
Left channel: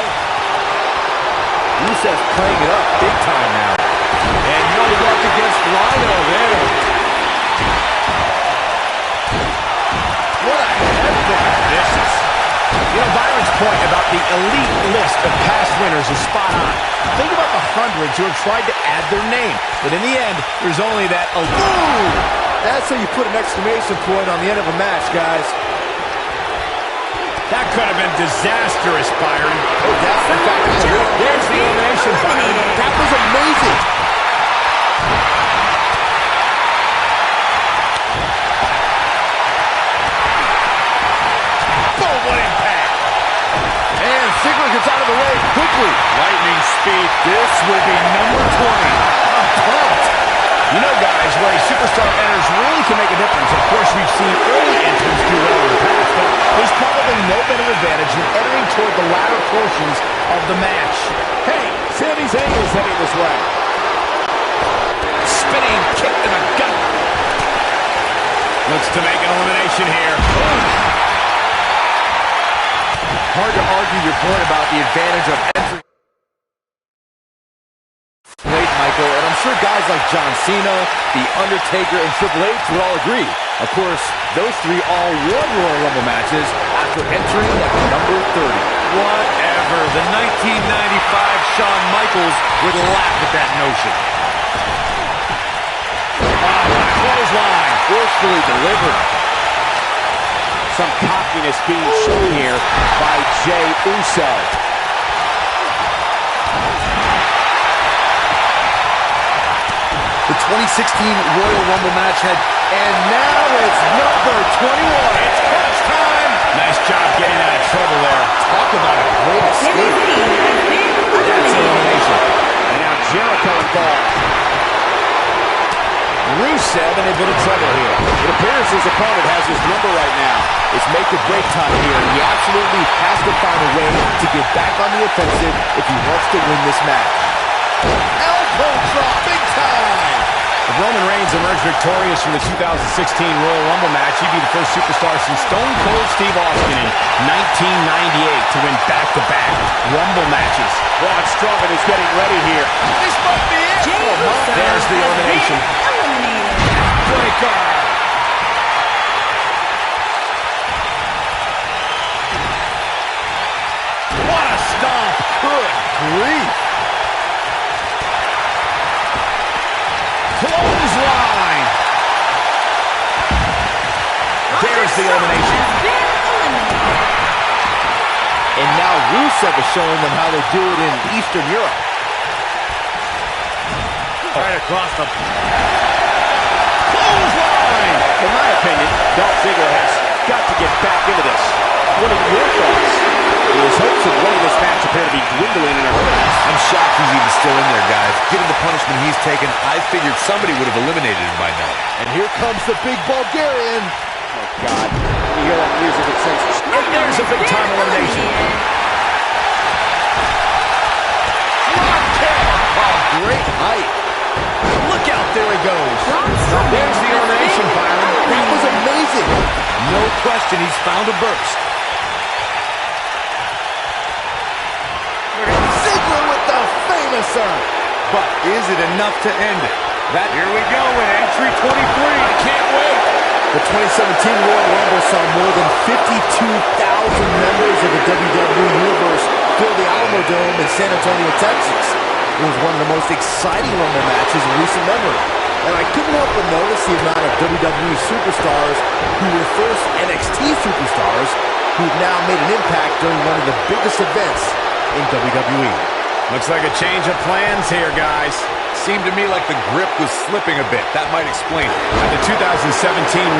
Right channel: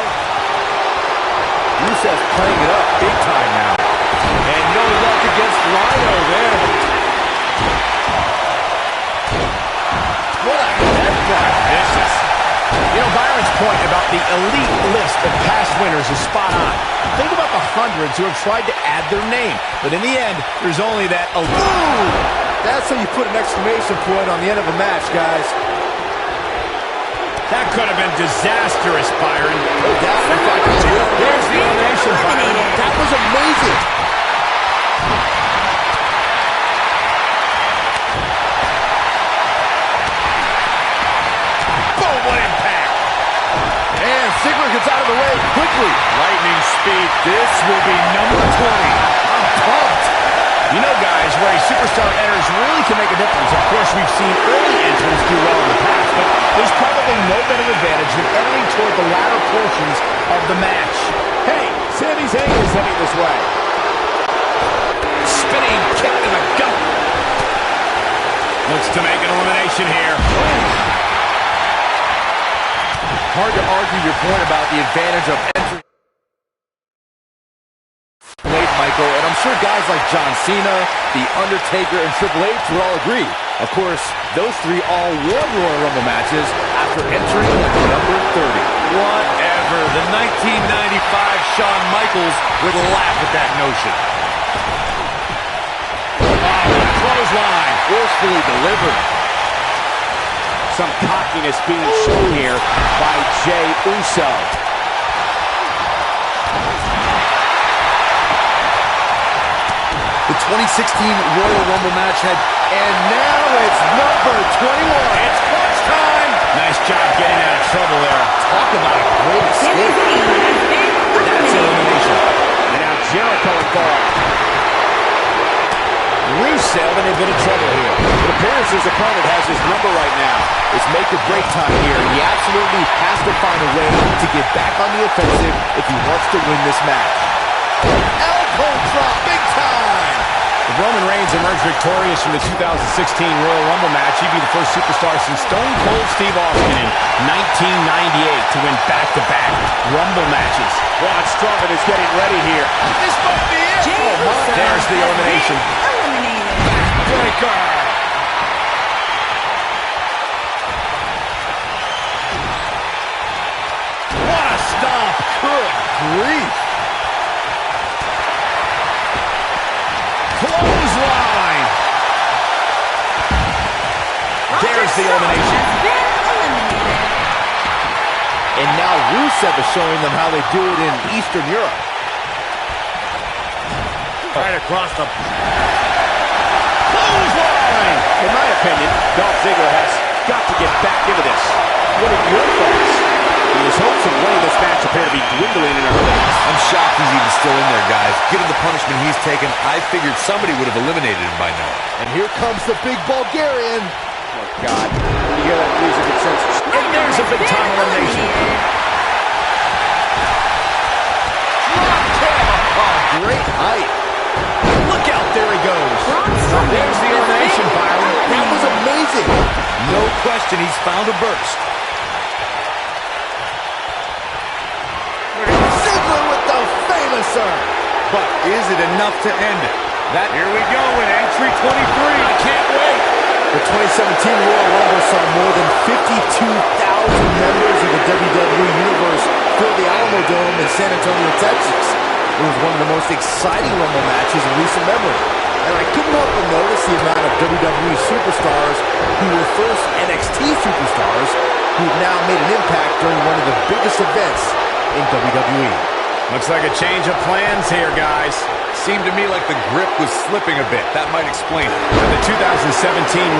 Rusev's playing it up big time now. And no luck against Rhino there. What a headbutt. Vicious. You know, Byron's point about the elite list of past winners is spot on. Think about the hundreds who have tried to add their name. But in the end, there's only that elite. That's how you put an exclamation point on the end of a match, guys. That could have been disastrous, Byron. No doubt. In fact, There's the elimination, Byron. that was amazing. Boom, what impact. And Ziggler gets out of the way quickly. Lightning speed. This will be number 20. I'm pumped. You know, guys, where a superstar enters really can make a difference. Of course, we've seen early entrants do well in the past, but there's probably no better advantage than entering toward the latter portions of the match. Hey, Sami Zayn is heading this way. Spinning kick to the gut. Looks to make an elimination here. Hard to argue your point about the advantage of entering late, Michael, and I'm sure guys like John Cena, The Undertaker, and Triple H would all agree. Of course, those three all won Royal Rumble matches after entering at number 30. Whatever. The 1995 Shawn Michaels would laugh at that notion. Oh, what a clothesline. Forcefully delivered. Some cockiness being shown here by Jey Uso. The 2016 Royal Rumble match had, And now it's number 21. It's crunch time. Nice job getting out of trouble there. Talk about a great Sami escape. Zayn has been That's eliminated. elimination. And now Jericho involved. Rusev in a bit of trouble here. It appears his opponent has his number right now. It's make or break time here, and he absolutely has to find a way to get back on the offensive if he wants to win this match. Elbow drop, big time! If Roman Reigns emerged victorious from the 2016 Royal Rumble match, he'd be the first superstar since Stone Cold Steve Austin in 1998 to win back-to-back Rumble matches. Braun Strowman is getting ready here. This might be it. Jey Uso There's the has elimination. been eliminated. Breaker. What a stomp. Good grief! Clothesline. There's the elimination. Has been eliminated. And now Rusev is showing them how they do it in Eastern Europe. Right across the... Clothesline. In my opinion, Dolph Ziggler has got to get back into this. What are your thoughts? His hopes of winning this match appear to be dwindling in a hurry. I'm shocked he's even still in there, guys. Given the punishment he's taken, I figured somebody would have eliminated him by now. And here comes the big Bulgarian. Oh, God. When you hear that music, it sends... And there's a big-time elimination. Drop kick. Oh, great height. Look out, there he goes. Braun Strowman There's the has elimination, been Byron. That was amazing. No question, he's found a burst. Ziggler with the famouser. But is it enough to end it? Here we go in entry 23. I can't wait. The 2017 Royal Rumble saw more than 52,000 members of the WWE Universe fill the Alamo Dome in San Antonio, Texas. It was one of the most exciting Rumble matches in recent memory. And I couldn't help but notice the amount of WWE superstars who were first NXT superstars who've now made an impact during one of the biggest events in WWE. Looks like a change of plans here, guys. Seemed to me like the grip was slipping a bit. That might explain it. At the 2017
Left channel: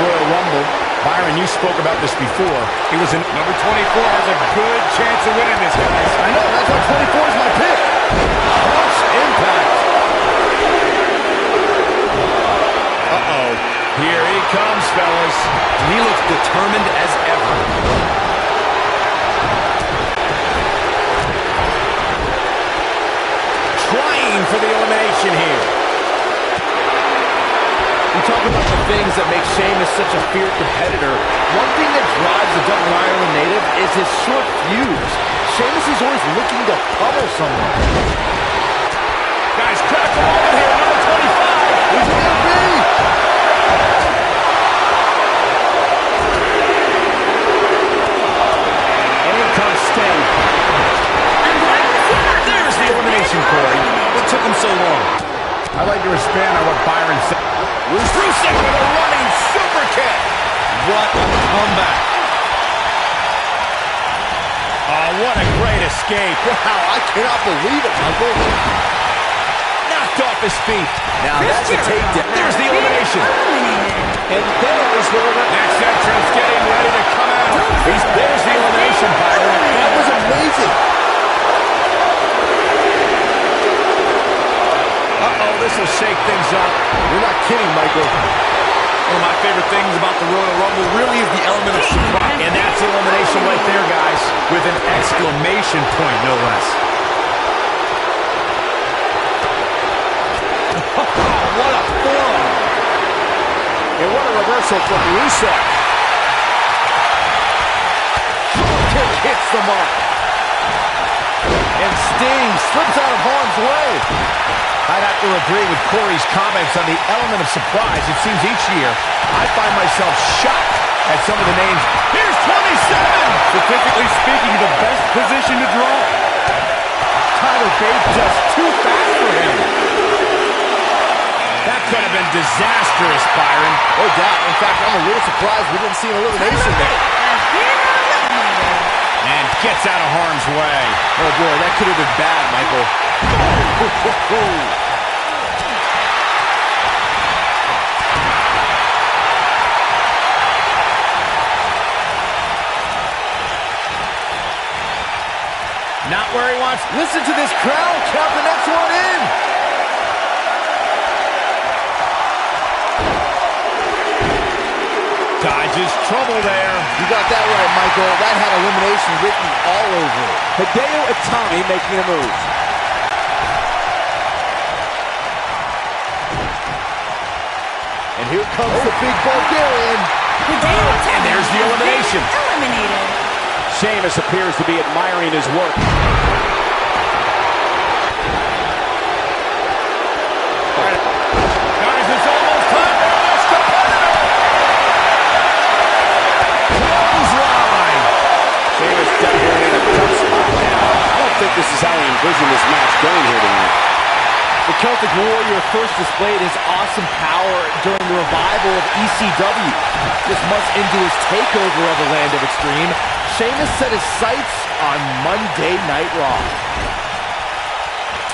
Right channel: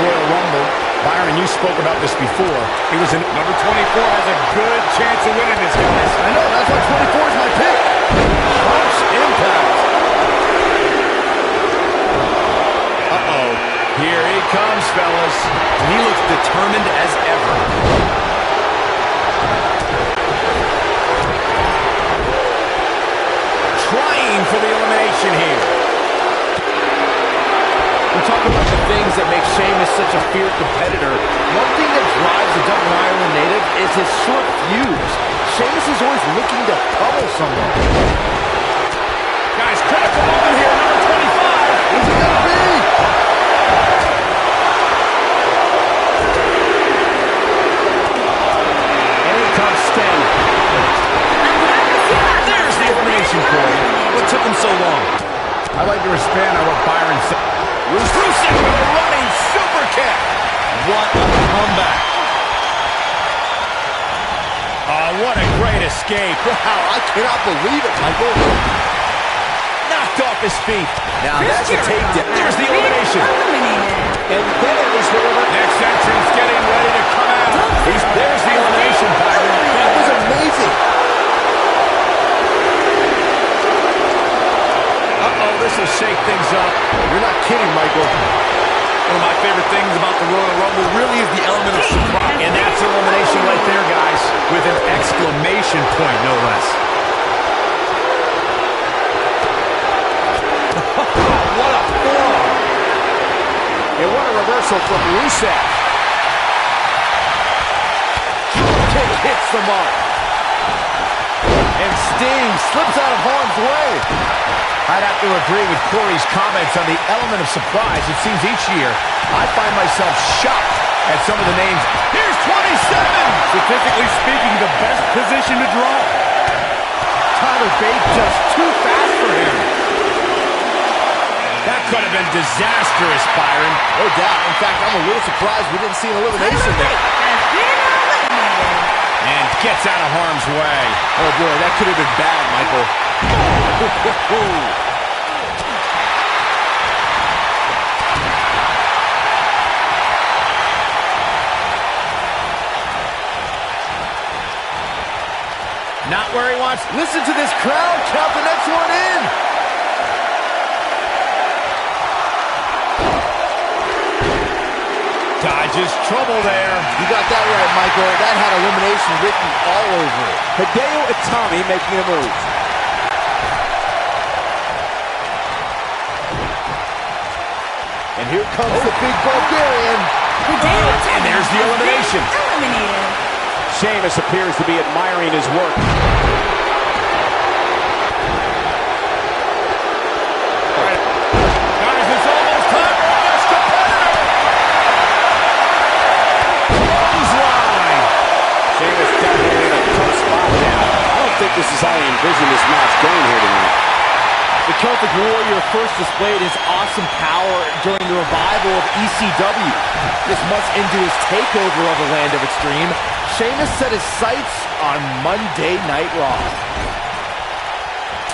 Royal Rumble, Byron, you spoke about this before. It was an... Number 24 has a good chance of winning this, guys. I know, that's why 24 is my pick. Harsh impact. Uh-oh. Here he comes, fellas. He looks determined as ever. Trying for the elimination here. We talk about the things that make Sheamus such a fierce competitor. One thing that drives the Dublin, Ireland native is his short fuse. Sheamus is always looking to pummel someone. Guys, critical moment here, number 25. Who's it gonna be? And in comes Sting. There's the elimination, Corey. What took him so long? I'd like to expand on what Byron said. Rusev with a running super kick. What a comeback. Oh, what a great escape. Wow, I cannot believe it, Michael. Knocked off his feet. Now that's a takedown. There's the elimination. And then it was delivered. Next entrance getting ready to come out. There's the elimination, Byron. That was amazing. Uh-oh, this will shake things up. You're not kidding, Michael. One of my favorite things about the Royal Rumble really is the element of surprise. And that's elimination right there, guys. With an exclamation point, no less. What a forearm. And what a reversal from Rusev. Kick hits the mark. And Sting slips out of harm's way. I'd have to agree with Corey's comments on the element of surprise. It seems each year I find myself shocked at some of the names. Here's 27! Statistically speaking, the best position to draw. Tyler Bate just too fast for him. That could have been disastrous, Byron. No doubt. In fact, I'm a little surprised we didn't see an elimination Tyler there. Bate has been eliminated. And gets out of harm's way. Oh boy, that could have been bad, Michael. Not where he wants. Listen to this crowd count the next one in. Dodges trouble there. You got that right, Michael. That had elimination written all over it. Hideo Itami making a move. And here comes the big Bulgarian. And there's the elimination. Eliminated. Sheamus appears to be admiring his work. All right. Guys, it's almost time for our next competitor. Clothesline. Sheamus definitely in a tough spot now. I don't think this is how he envisioned this match going here tonight. The Celtic Warrior first displayed his awesome power during the revival of ECW. Just months into his takeover of the Land of Extreme, Sheamus set his sights on Monday Night Raw.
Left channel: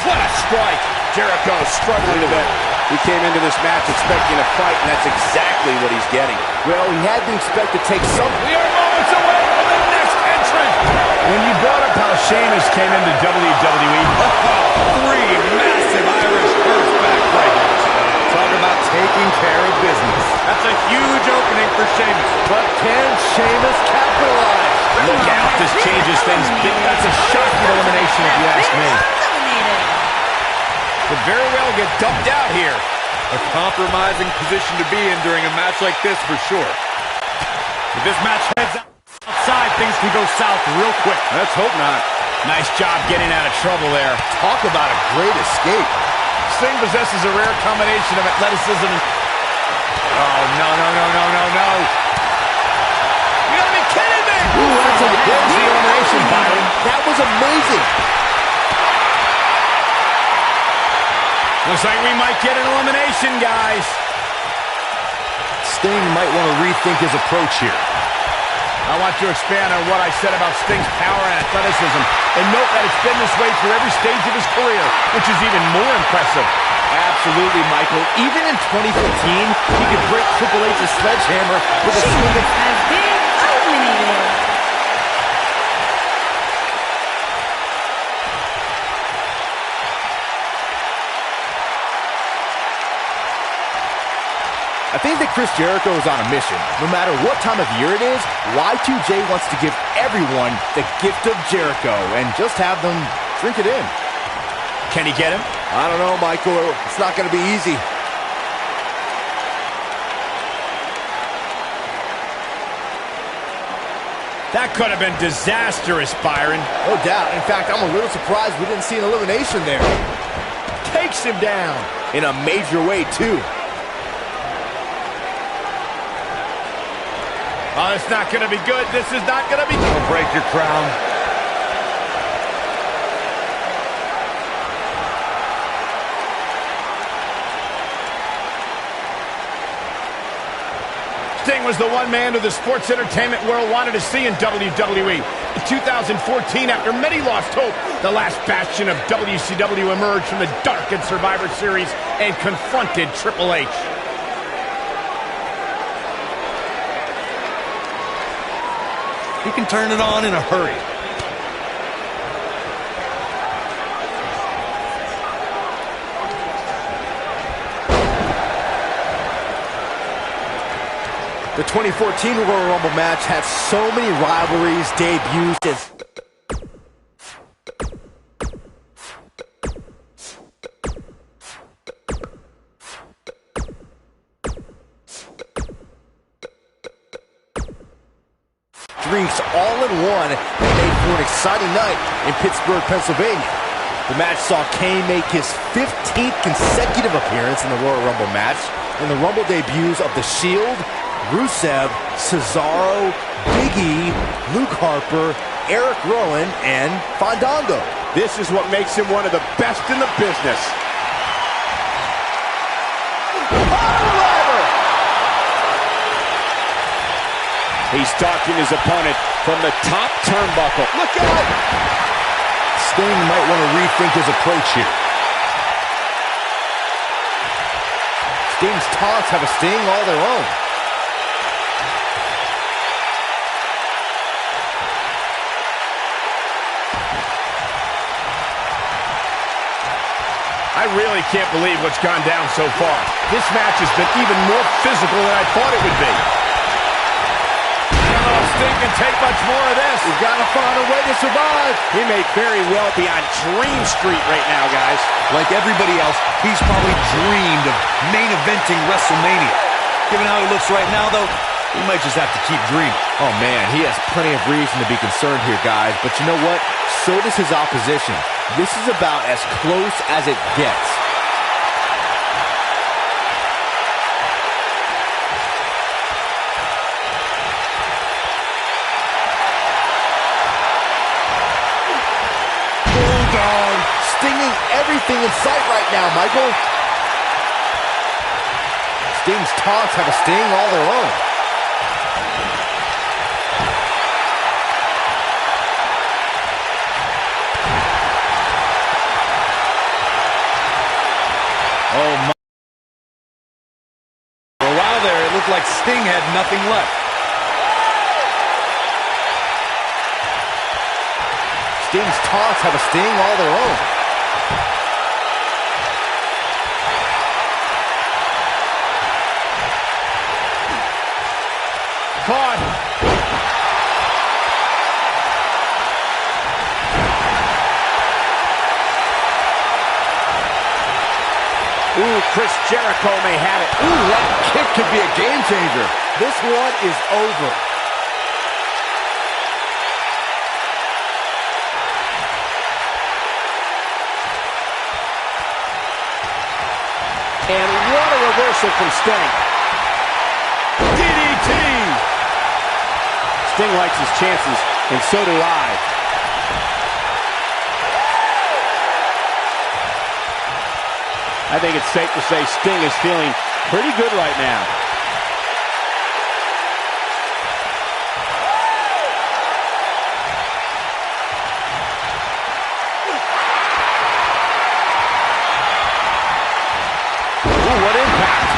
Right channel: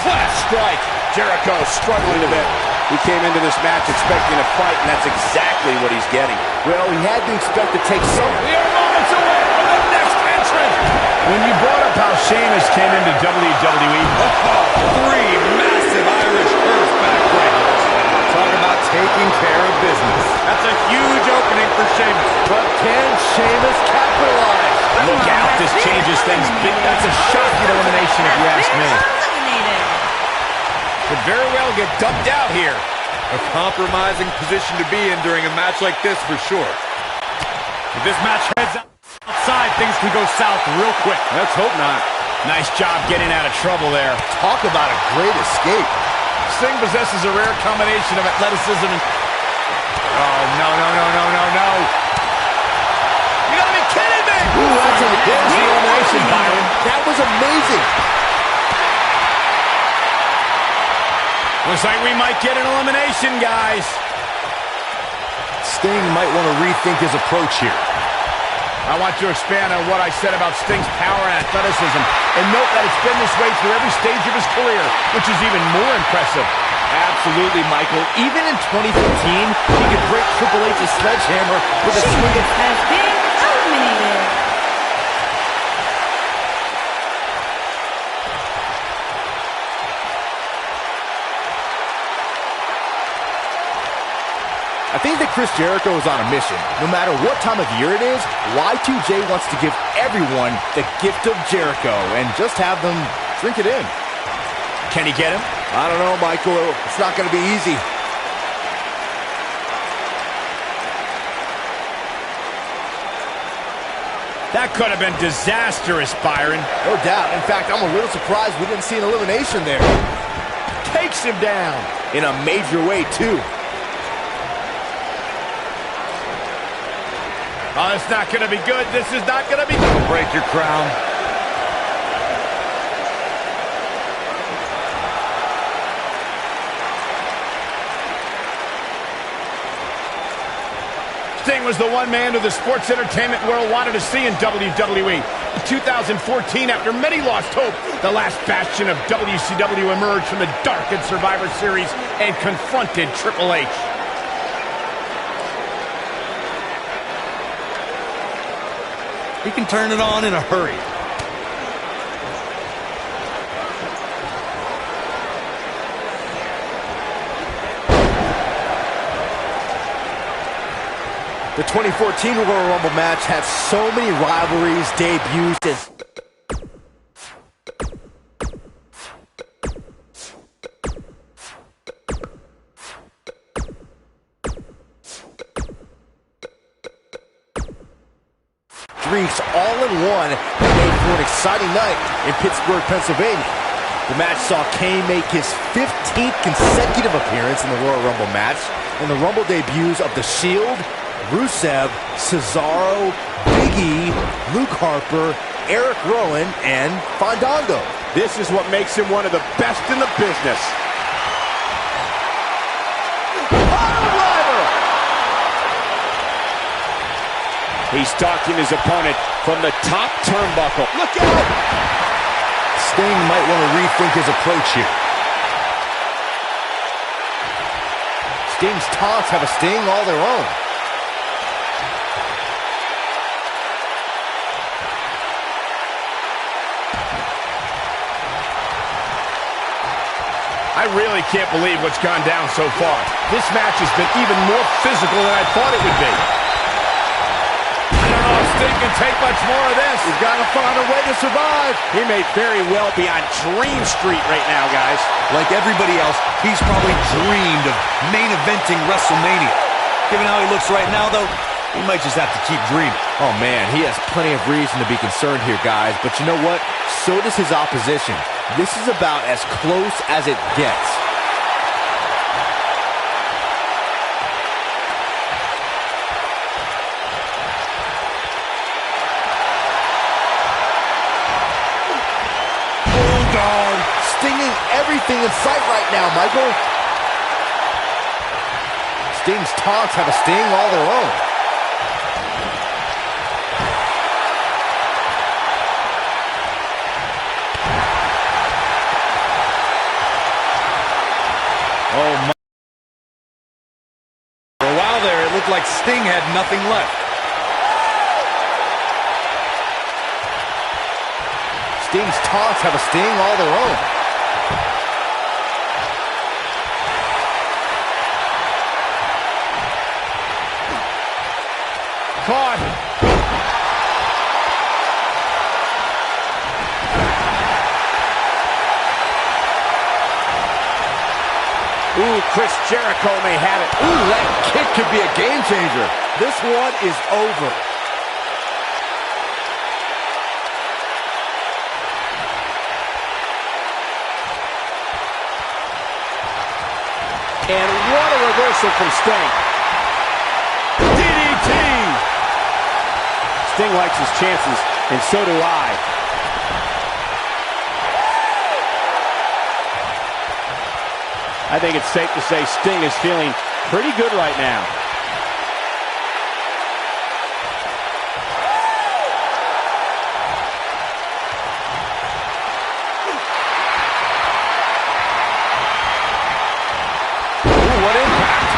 What a strike. Jericho struggling a bit. He came into this match expecting a fight, and that's exactly what he's getting. Well, he had to expect to take some. We are moments away from the next entrant. When you brought up how Sheamus came into WWE, Three massive Irish Earth backbreakers. Talk about taking care of business. That's a huge opening for Sheamus. But can Sheamus capitalize? look out, this changes things. That's a shocking elimination if you ask me. Eliminated. Could very well get dumped out here. A compromising position to be in during a match like this for sure. If this match heads outside, things can go south real quick. Let's hope not. Nice job getting out of trouble there. Talk about a great escape. Sting possesses a rare combination of athleticism and... Oh, no. You gotta be kidding me! Ooh, that's a There's the elimination, Byron. That was amazing. Looks like we might get an elimination, guys. Sting might want to rethink his approach here. I want to expand on what I said about Sting's power and athleticism, and note that it's been this way through every stage of his career, which is even more impressive. Absolutely, Michael. Even in 2015, he could break Triple H's sledgehammer with a swing of... has been eliminated. I think that Chris Jericho is on a mission. No matter what time of year it is, Y2J wants to give everyone the gift of Jericho and just have them drink it in. Can he get him? I don't know, Michael. It's not going to be easy. That could have been disastrous, Byron. No doubt. In fact, I'm a little surprised we didn't see an elimination there. Takes him down in a major way, too. Oh, it's not going to be good. This is not going to be... Don't break your crown. Sting was the one man who the sports entertainment world wanted to see in WWE. In 2014, after many lost hope, the last bastion of WCW emerged from the darkened Survivor Series and confronted Triple H. He can turn it on in a hurry. The 2014 Royal Rumble match had so many rivalries, debuts, and streaks all in one that made for an exciting night in Pittsburgh, Pennsylvania. The match saw Kane make his 15th consecutive appearance in the Royal Rumble match, and the Rumble debuts of The Shield, Rusev, Cesaro, Big E, Luke Harper, Eric Rowan, and Fandango. This is what makes him one of the best in the business. Piledriver! He's stalking his opponent from the top turnbuckle. Look out! Sting might want to rethink his approach here. Sting's taunts have a sting all their own. I really can't believe what's gone down so far. This match has been even more physical than I thought it would be. I don't know if Sting can take much more of this. He's got to find a way to survive. He may very well be on Dream Street right now, guys. Like everybody else, he's probably dreamed of main eventing WrestleMania. Given how he looks right now, though, he might just have to keep dreaming. Oh, man, he has plenty of reason to be concerned here, guys. But you know what? So does his opposition. This is about as close as it gets. Bulldog stinging everything in sight right now, Michael. Sting's taunts have a sting all their own. Oh, my. For a while there, it looked like Sting had nothing left. Sting's taunts have a sting all their own. Caught. Ooh, Chris Jericho may have it. Ooh, that kick could be a game changer. This one is over. And what a reversal from Sting. DDT! Sting likes his chances, and so do I. I think it's safe to say Sting is feeling pretty good right now. Ooh, what impact.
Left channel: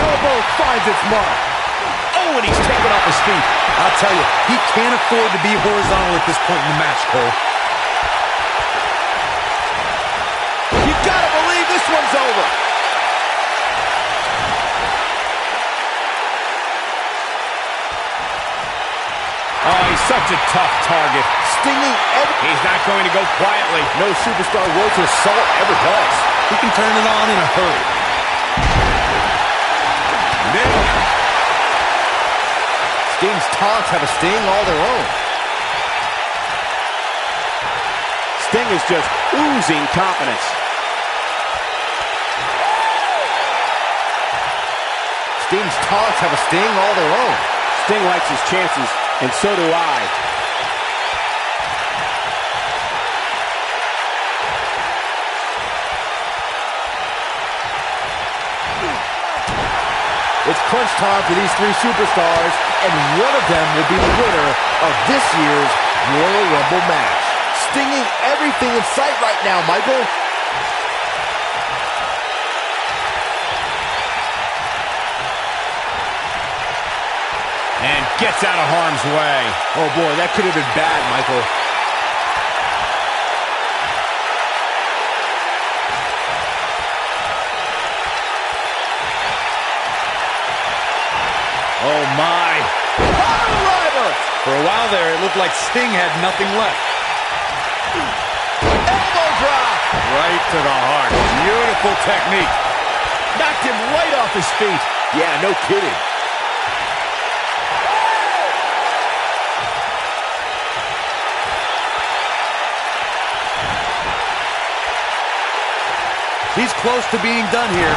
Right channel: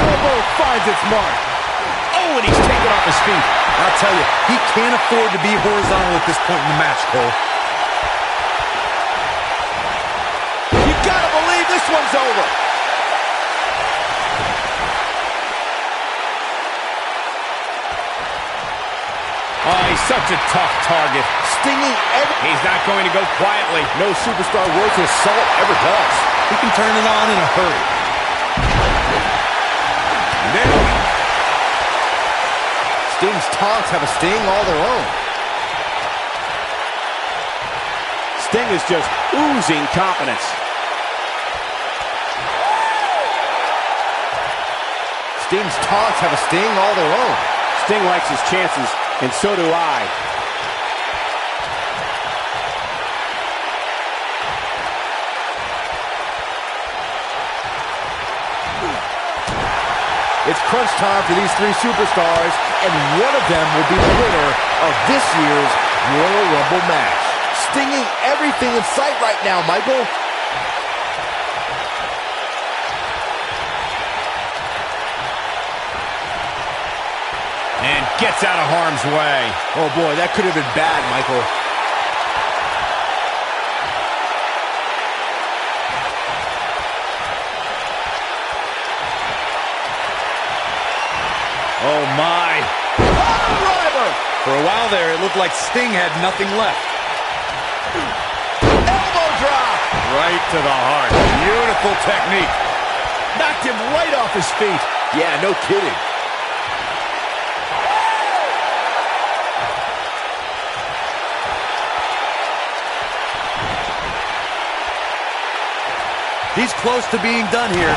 Elbow finds its mark. Oh, and he's taken off his feet. I'll tell you, he can't afford to be horizontal at this point in the match, Cole. Gotta believe this one's over. Oh, he's such a tough target. Stinging He's not going to go quietly. No superstar worth his salt ever does. He can turn it on in a hurry. Nailed it. Sting's taunts have a sting all their own. Sting is just oozing confidence. Sting's taunts have a sting all their own. Sting likes his chances, and so do I. It's crunch time for these three superstars, and one of them will be the winner of this year's Royal Rumble match. Stinging everything in sight right now, Michael. And gets out of harm's way. Oh boy, that could have been bad, Michael. Oh my. Pile driver! For a while there, it looked like Sting had nothing left. Elbow drop! Right to the heart. Beautiful technique. Knocked him right off his feet. Yeah, no kidding. He's close to being done here.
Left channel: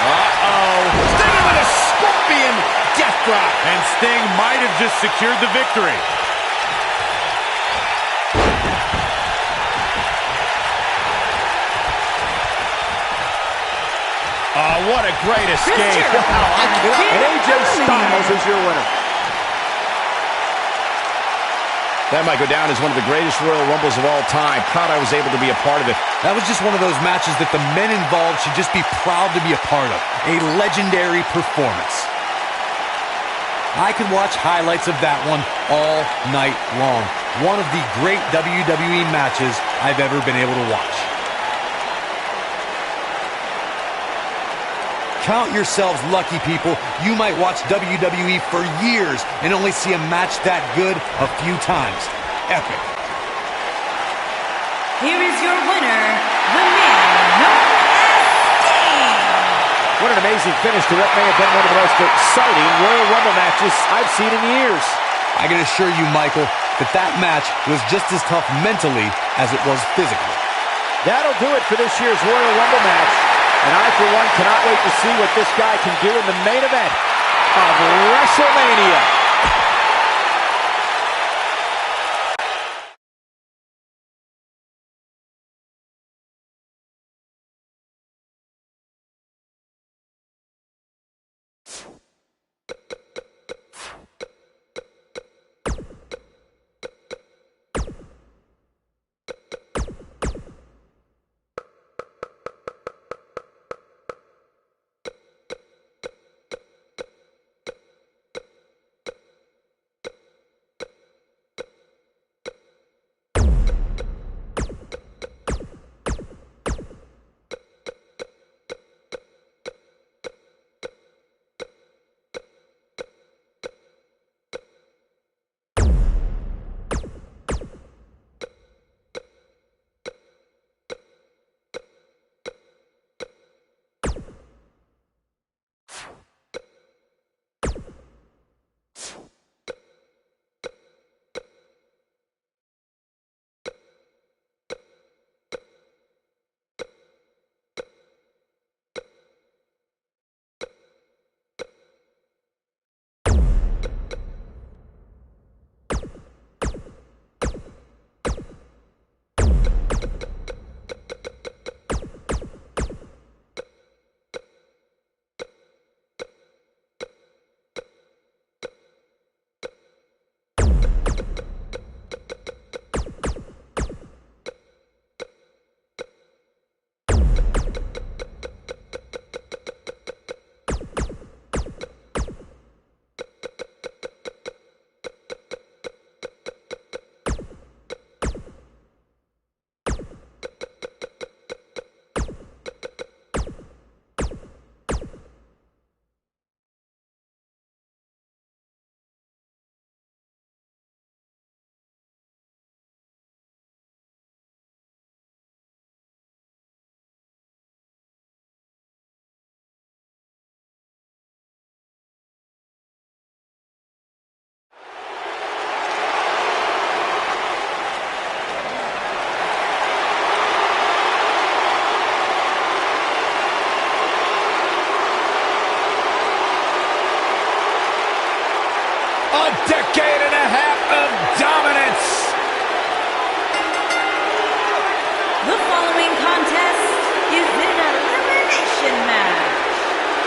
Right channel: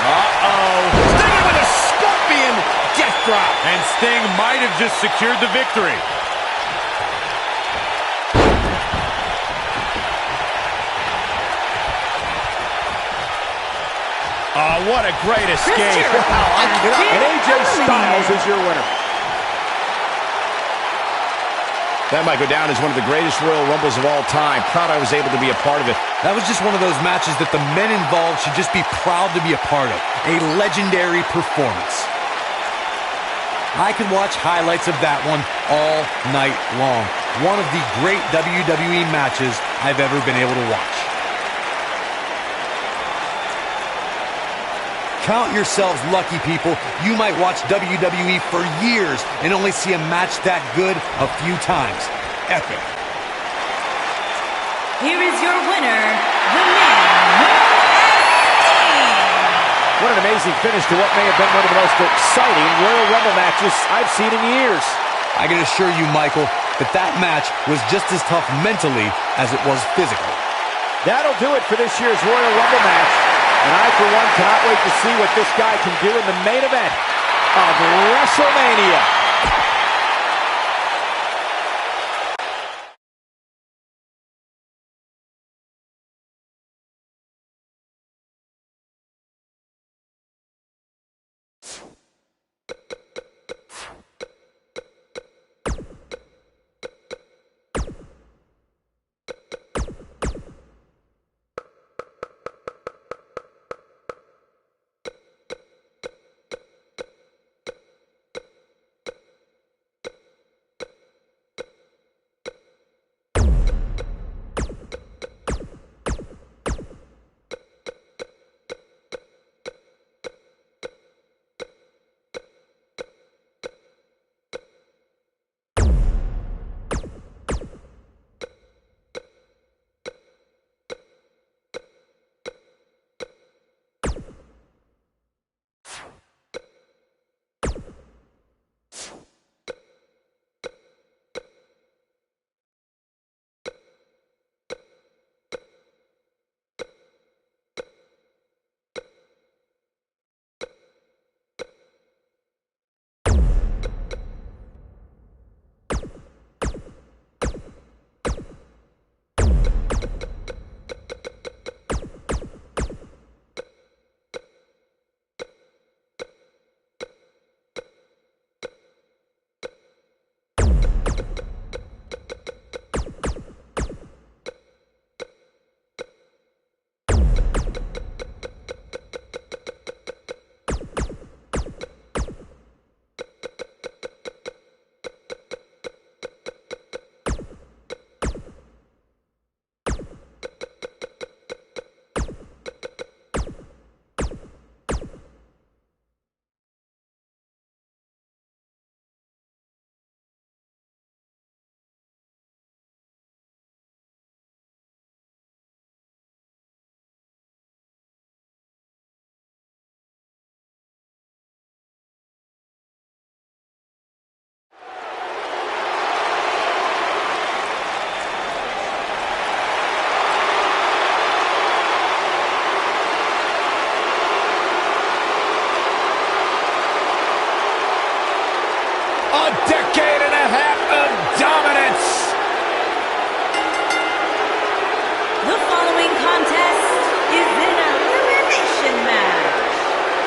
Uh-oh. Sting with a scorpion death drop. And Sting might have just secured the victory. Oh, what a great escape. Wow, And AJ Styles is your winner. That might go down as one of the greatest Royal Rumbles of all time. Proud I was able to be a part of it. That was just one of those matches that the men involved should just be proud to be a part of. A legendary performance. I could watch highlights of that one all night long. One of the great WWE matches I've ever been able to watch. Count yourselves lucky, people. You might watch WWE for years and only see a match that good a few times. Epic. Here is your winner, the man known as Sting. What an amazing finish to what may have been one of the most exciting Royal Rumble matches I've seen in years. I can assure you, Michael, that that match was just as tough mentally as it was physically. That'll do it for this year's Royal Rumble match. And I, for one, cannot wait to see what this guy can do in the main event of WrestleMania.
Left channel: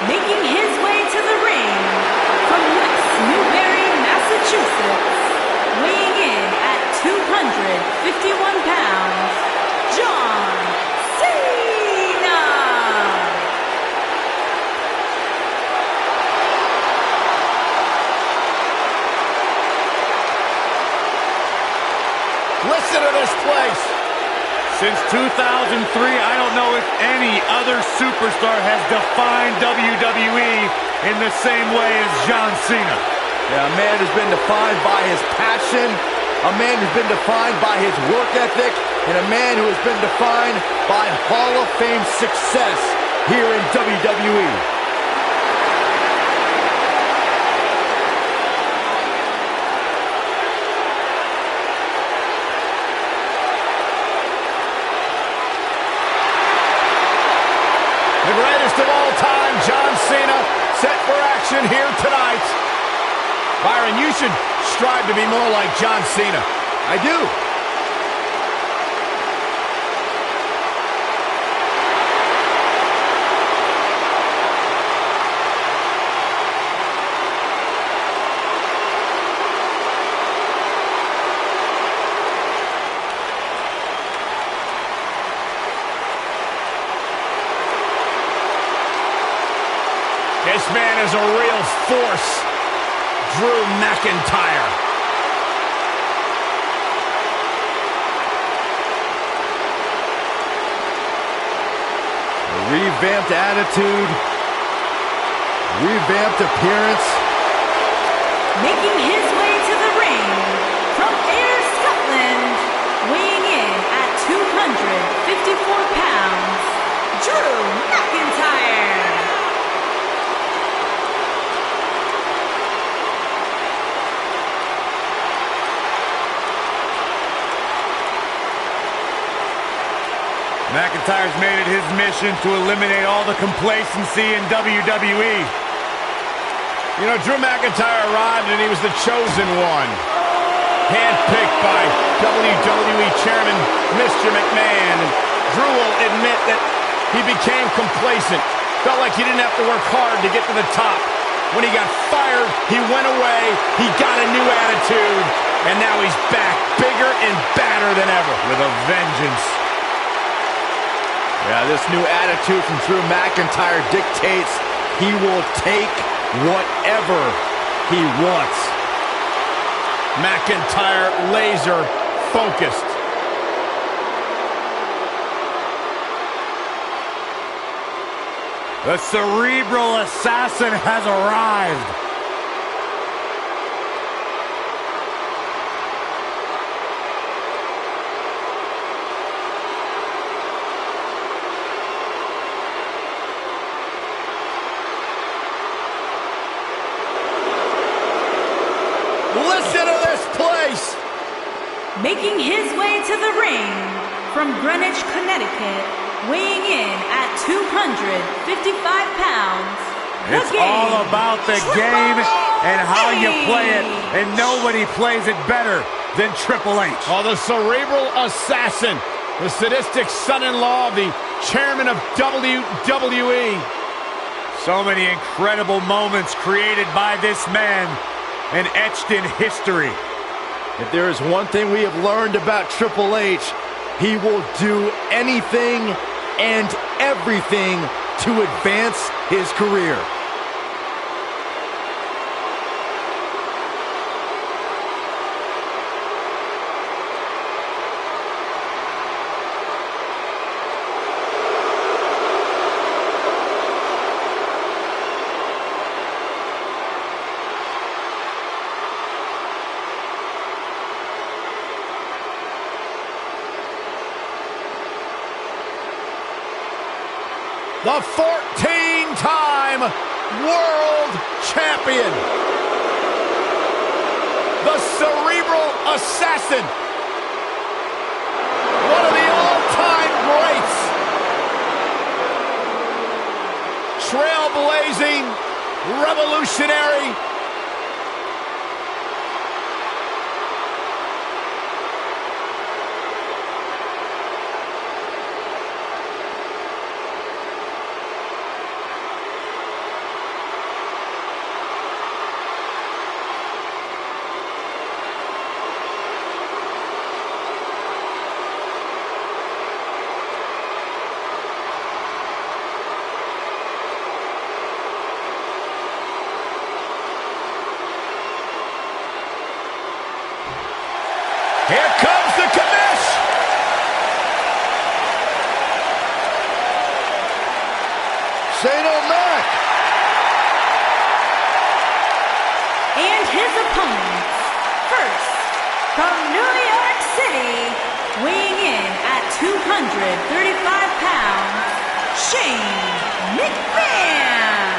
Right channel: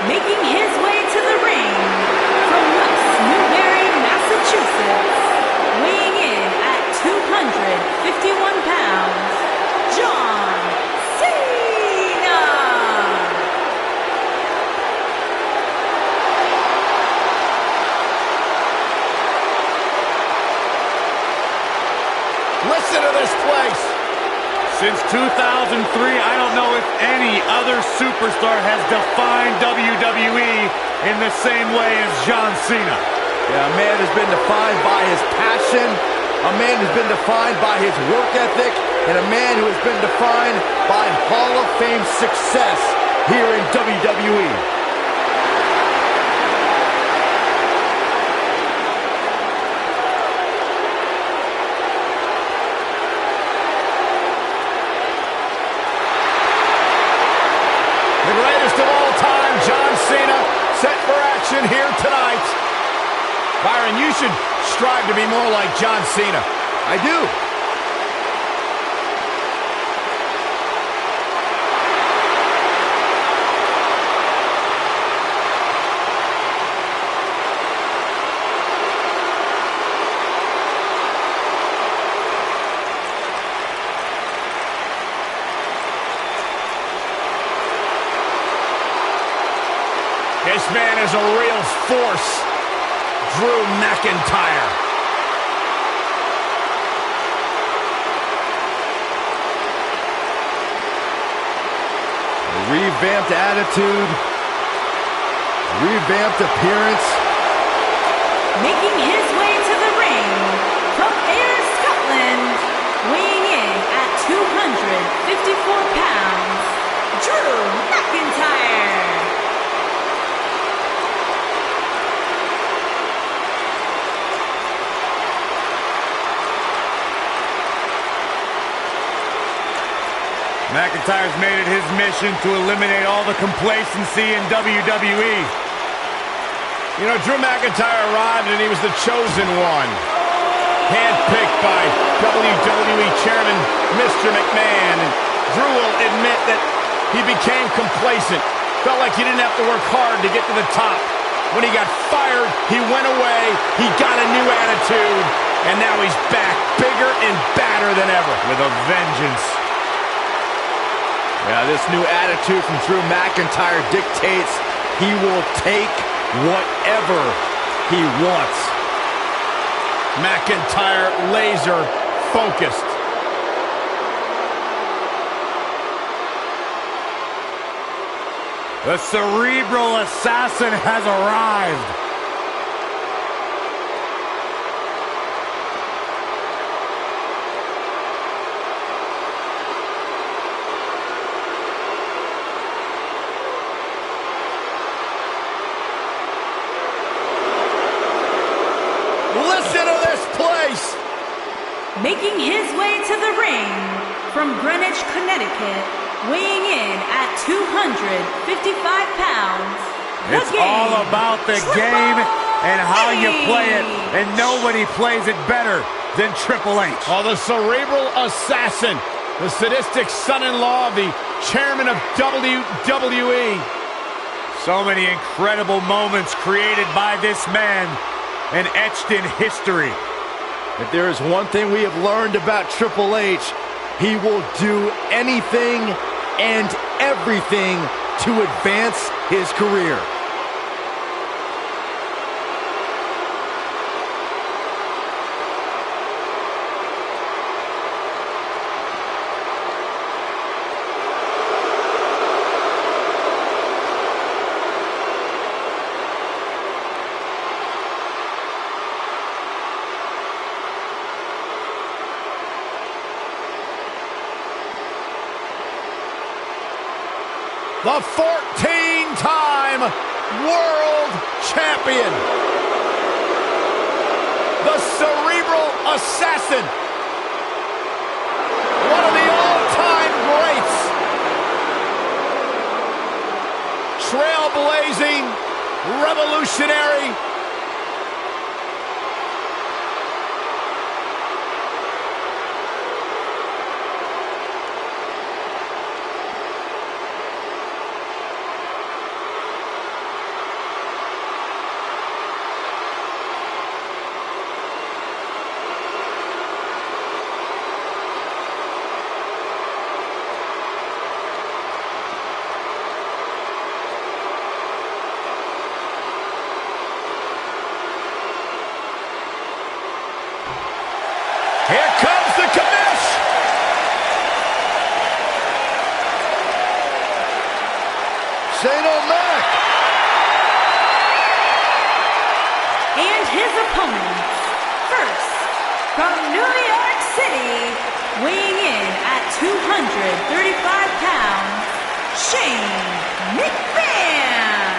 Making his way to the ring from West Newbury, Massachusetts, weighing in at 251 pounds, John Cena! Listen to this place. Since 2003, I don't know if any other superstar has defined WWE in the same way as John Cena. Yeah, a man who's been defined by his passion, a man who's been defined by his work ethic, and a man who has been defined by Hall of Fame success here in WWE. The greatest of all time, John Cena, set for action here tonight. Byron, you should strive to be more like John Cena. I do. This man is a real force, Drew McIntyre. A revamped attitude, revamped appearance. Making his way to the ring from Ayr, Scotland, weighing in at 254 pounds, Drew McIntyre. McIntyre's made it his mission to eliminate all the complacency in WWE. You know, Drew McIntyre arrived and he was the chosen one. Handpicked by WWE Chairman Mr. McMahon. And Drew will admit that he became complacent. Felt like he didn't have to work hard to get to the top. When he got fired, he went away. He got a new attitude. And now he's back, bigger and badder than ever. With a vengeance. Yeah, this new attitude from Drew McIntyre dictates he will take whatever he wants. McIntyre laser focused. The cerebral assassin has arrived. Listen to this place! Making his way to the ring from Greenwich, Connecticut, weighing in at 255 pounds. It's all about the game and how you play it, and nobody plays it better than Triple H. Oh, the cerebral assassin, the sadistic son-in-law of the chairman of WWE. So many incredible moments created by this man and etched in history. If there is one thing we have learned about Triple H, he will do anything and everything to advance his career. The 14-time world champion. The cerebral assassin. One of the all-time greats. Trailblazing, revolutionary. Here comes the commish. Shane O'Mac. And his opponents, first, from New York City, weighing in at 235 pounds, Shane McMahon.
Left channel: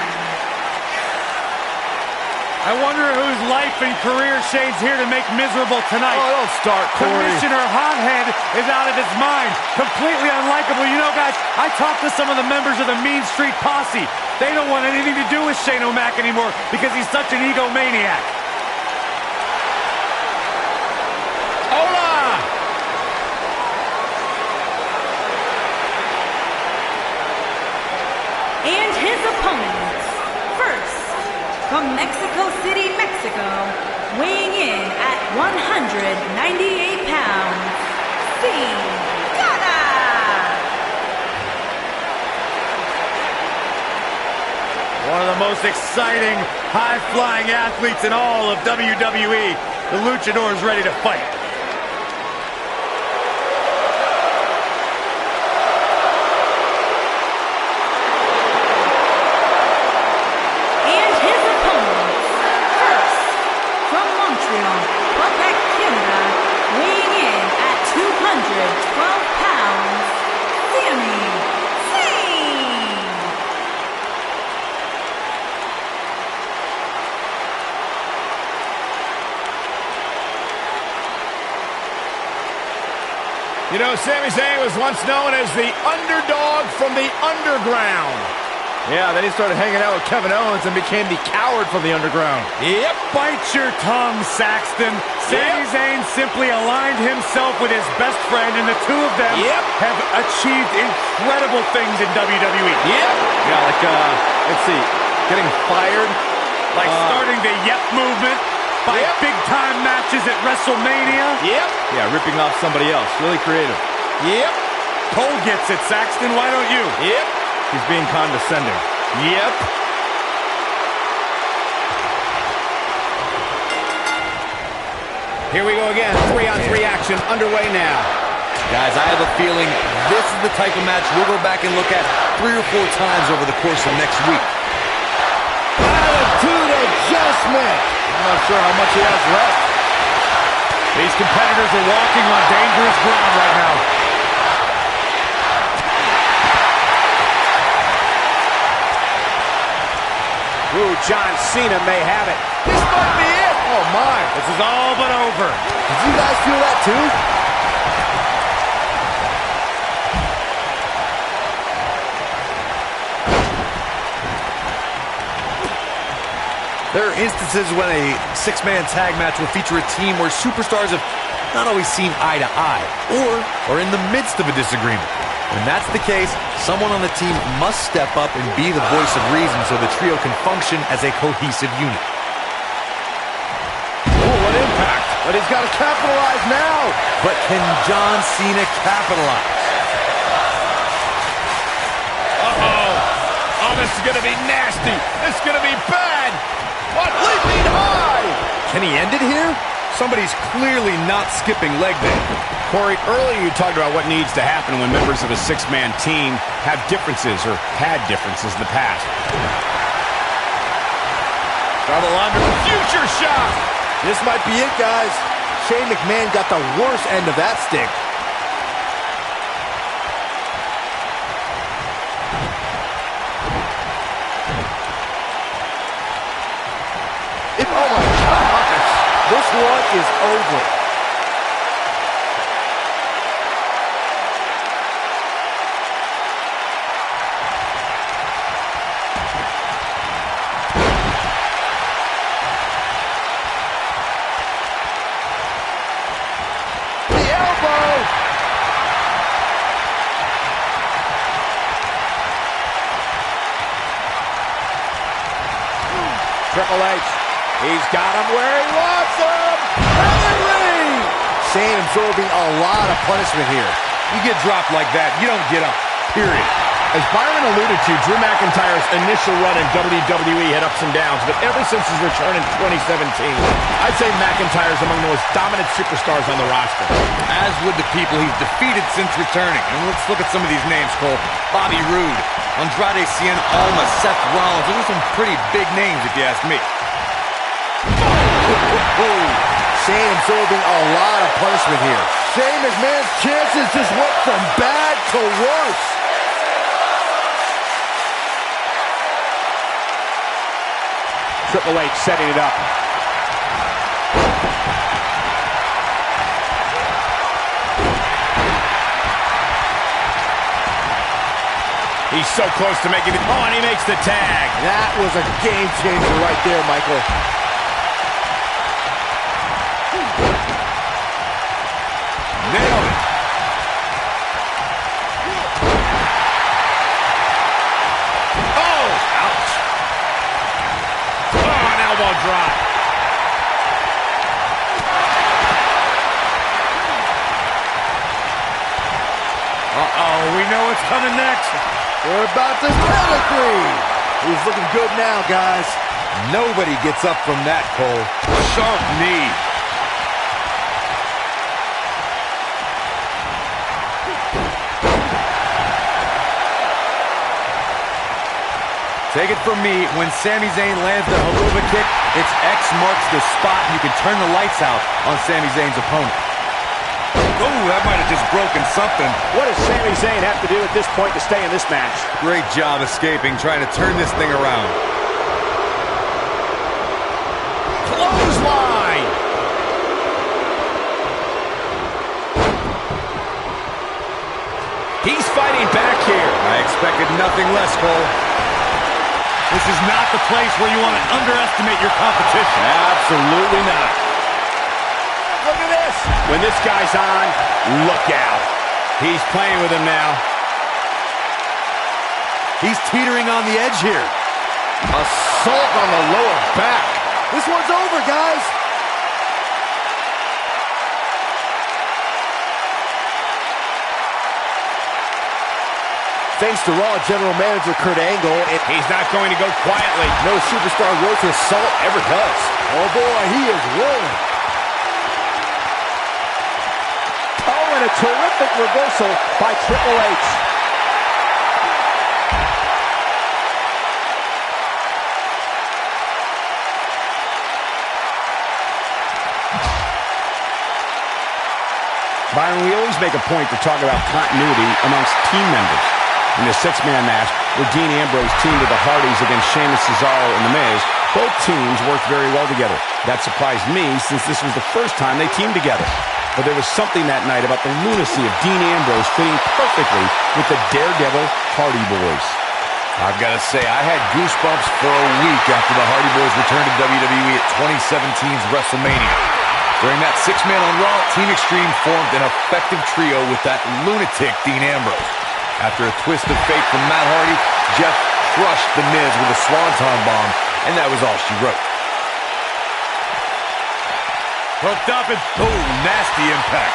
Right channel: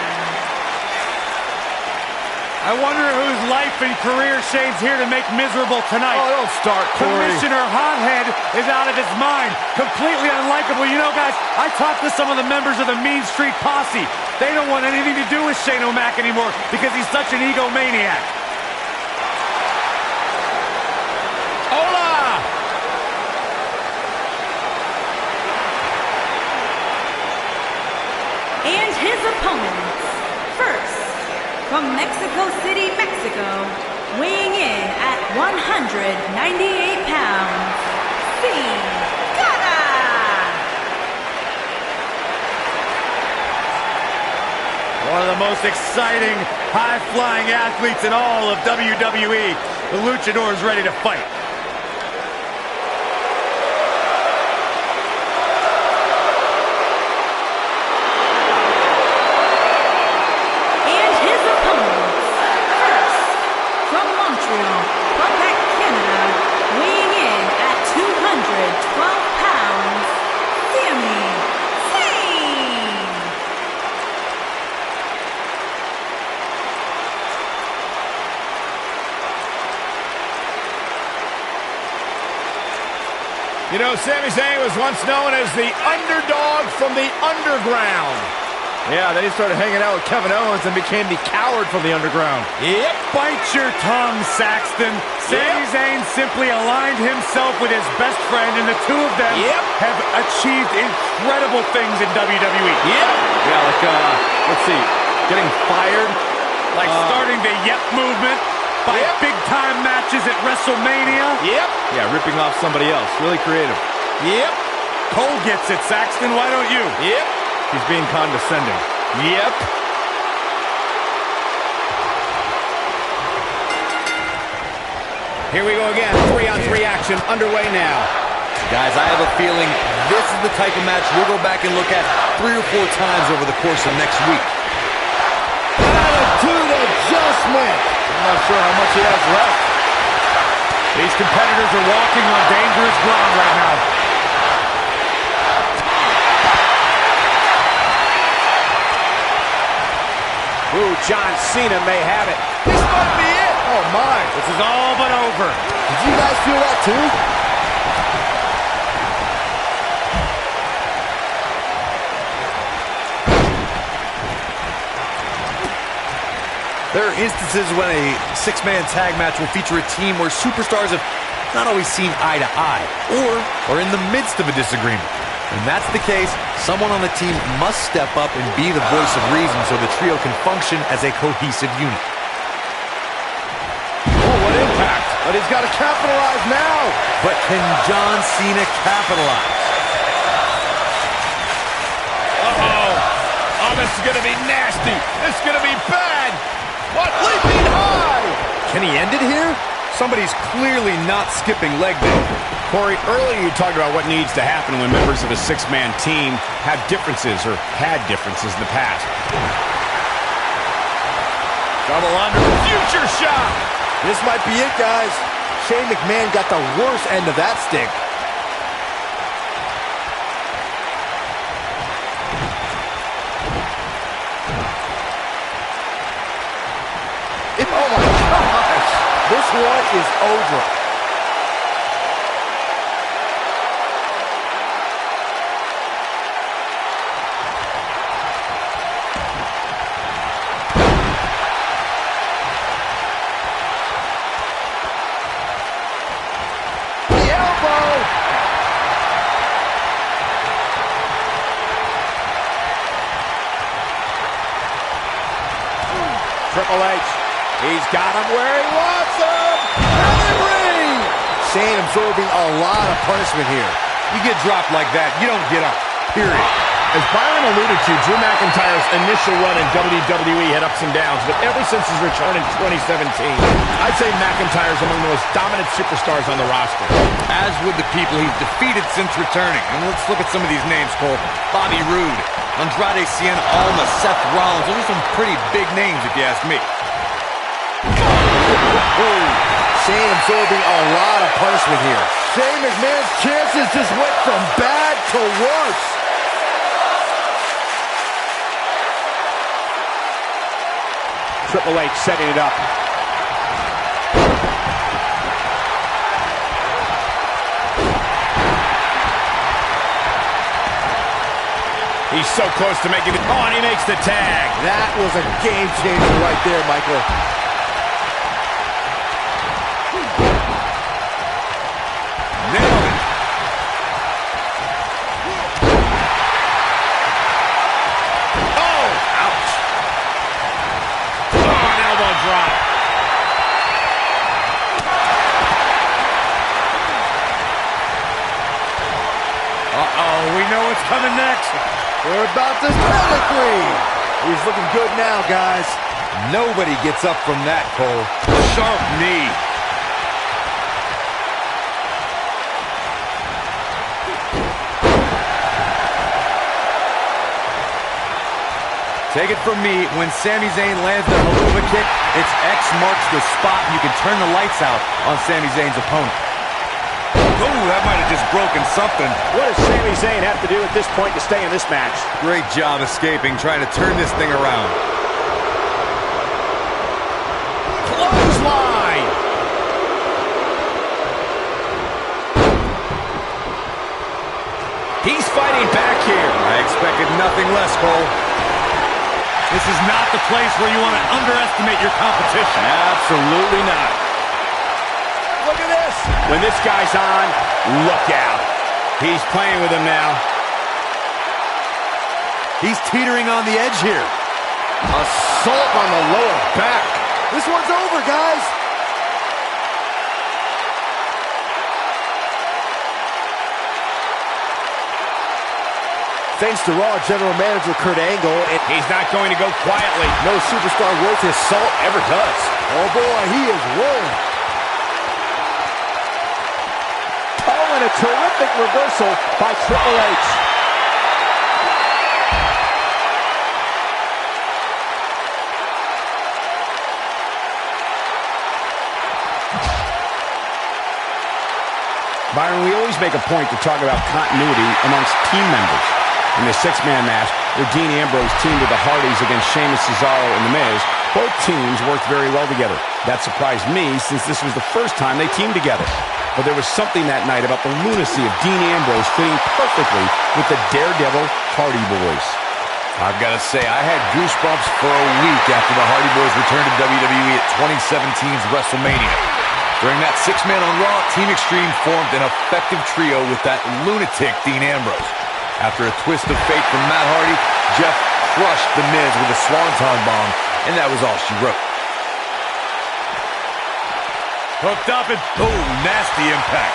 I wonder whose life and career Shane's here to make miserable tonight. Oh, don't start, Corey. Commissioner Hothead is out of his mind. Completely unlikable. You know, guys, I talked to some of the members of the Mean Street Posse. They don't want anything to do with Shane O'Mac anymore because he's such an egomaniac. Hola! And his opponents, first, from Mexico City, Mexico, weighing in at 198 pounds, Cena. One of the most exciting, high-flying athletes in all of WWE. The Luchador is ready to fight. And his opponents, first, from Montreal, Quebec, Canada, weighing in at 212 pounds, Sami Zayn. You know, Sami Zayn was once known as the underdog from the underground. Yeah, then he started hanging out with Kevin Owens and became the coward from the underground. Yep. Bite your tongue, Saxton. Sami Zayn simply aligned himself with his best friend, and the two of them have achieved incredible things in WWE. Yeah, like, let's see, getting fired. Like starting the Yep movement by big-time matches at WrestleMania. Yeah, ripping off somebody else. Really creative. Cole gets it, Saxton. Why don't you? He's being condescending. Here we go again. 3-on-3 action underway now. Guys, I have a feeling this is the type of match we'll go back and look at 3 or 4 times over the course of next week. Attitude adjustment. I'm not sure how much he has left. These competitors are walking on dangerous ground right now. Ooh, John Cena may have it. This might be it. Oh, my. This is all but over. Did you guys feel that, too? There are instances when a 6-man tag match will feature a team where superstars have not always seen eye to eye, or are in the midst of a disagreement. When that's the case, someone on the team must step up and be the voice of reason so the trio can function as a cohesive unit. Oh, what impact. But he's got to capitalize now. But can John Cena capitalize? Oh, this is going to be nasty. This is going to be bad. What? Leaping high. Can he end it here? Somebody's clearly not skipping leg day. Corey, earlier you talked about what needs to happen when members of a 6-man team have differences or had differences in the past. Double under the future shot. This might be it, guys. Shane McMahon got the worst end of that stick. Oh my gosh. This one is over. The elbow. Triple H. He's got him where he wants him. Pedigree. Shane absorbing a lot of punishment here. You get dropped like that, you don't get up, period. As Byron alluded to, Drew McIntyre's initial run in WWE had ups and downs, but ever since his return in 2017, I'd say McIntyre's among the most dominant superstars on the roster. As would the people he's defeated since returning. And let's look at some of these names, Cole. Bobby Roode, Andrade Cien Almas, Seth Rollins. Those are some pretty big names, if you ask me. Shane absorbing a lot of punishment here. Shane McMahon's chances just went from bad to worse. Triple H setting it up. He's so close to making it. Oh, and he makes the tag. That was a game changer right there, Michael. Nailed it. Oh, ouch. Oh, an elbow drop. Uh-oh, we know what's coming next. We're about to start a 3. He's looking good now, guys. Nobody gets up from that, Cole. Sharp knee. Take it from me, when Sami Zayn lands the haluva kick, it's X marks the spot, and you can turn the lights out on Sami Zayn's opponent. Oh, that might have just broken something. What does Sami Zayn have to do at this point to stay in this match? Great job escaping, trying to turn this thing around. Clothesline! He's fighting back here. I expected nothing less, Cole. This is not the place where you want to underestimate your competition. Absolutely not. Look at this. When this guy's on, look out. He's playing with him now. He's teetering on the edge here. Assault on the lower back. This one's over, guys. Thanks to Raw General Manager Kurt Angle, He's not going to go quietly. no superstar worth his salt ever does. Oh boy, he is rolling. Oh, and a terrific reversal by Triple H. Byron, we always make a point to talk about continuity amongst team members. In the six-man match, where Dean Ambrose teamed with the Hardys against Sheamus, Cesaro, and The Miz, both teams worked very well together. That surprised me, since this was the first time they teamed together. But there was something that night about the lunacy of Dean Ambrose fitting perfectly with the Daredevil Hardy Boys. I've got to say, I had goosebumps for a week after the Hardy Boys returned to WWE at 2017's WrestleMania. During that six-man on Raw, Team Extreme formed an effective trio with that lunatic Dean Ambrose. After a twist of fate from Matt Hardy, Jeff crushed The Miz with a Swanton bomb, and that was all she wrote. Hooked up and, oh, nasty impact.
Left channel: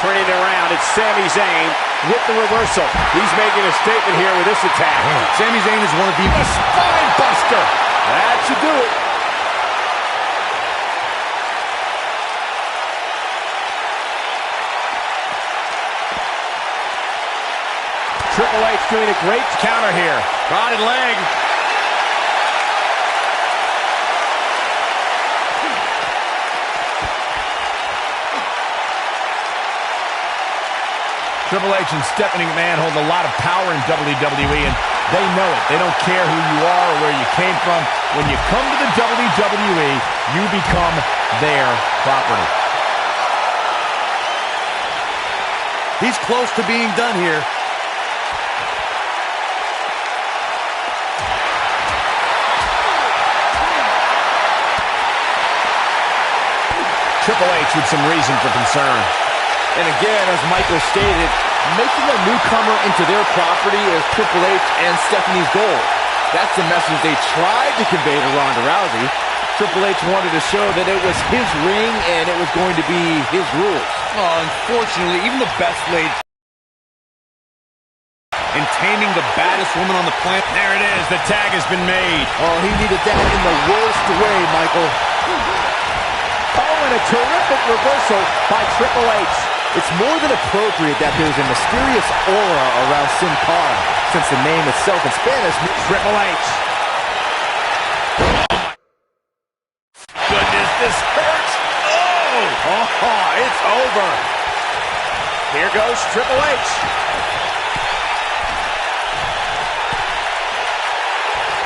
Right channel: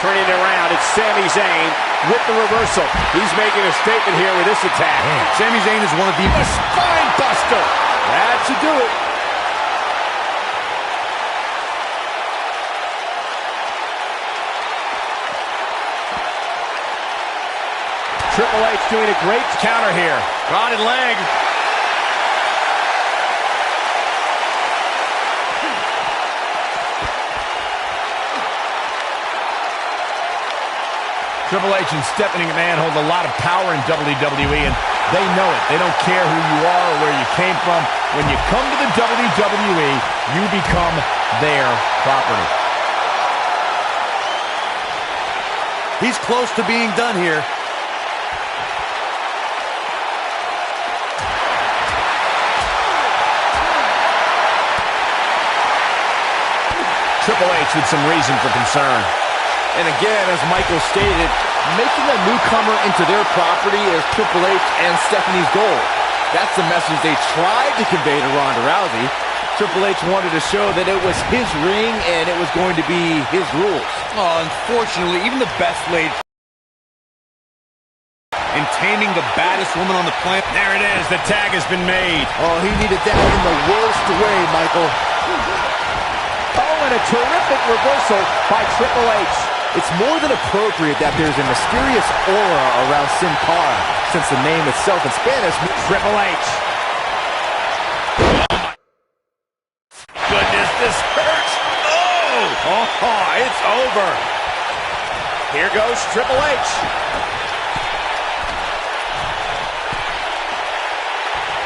Turning it around, it's Sami Zayn with the reversal. He's making a statement here with this attack. Man, Sami Zayn is one of the... A spine buster! That should do it. Triple H doing a great counter here. Rotted leg. Triple H and Stephanie McMahon hold a lot of power in WWE, and they know it. They don't care who you are or where you came from. When you come to the WWE, you become their property. He's close to being done here. Triple H with some reason for concern. And again, as Michael stated, making a newcomer into their property is Triple H and Stephanie's goal. That's the message they tried to convey to Ronda Rousey. Triple H wanted to show that it was his ring and it was going to be his rules. Oh, unfortunately, even the best laid and taming the baddest woman on the planet. There it is. The tag has been made. Oh, he needed that in the worst way, Michael. Oh, and a terrific reversal by Triple H. It's more than appropriate that there's a mysterious aura around Sin Cara, since the name itself in Spanish means Triple H. Oh, my goodness, this hurts. Oh, it's over. Here goes Triple H.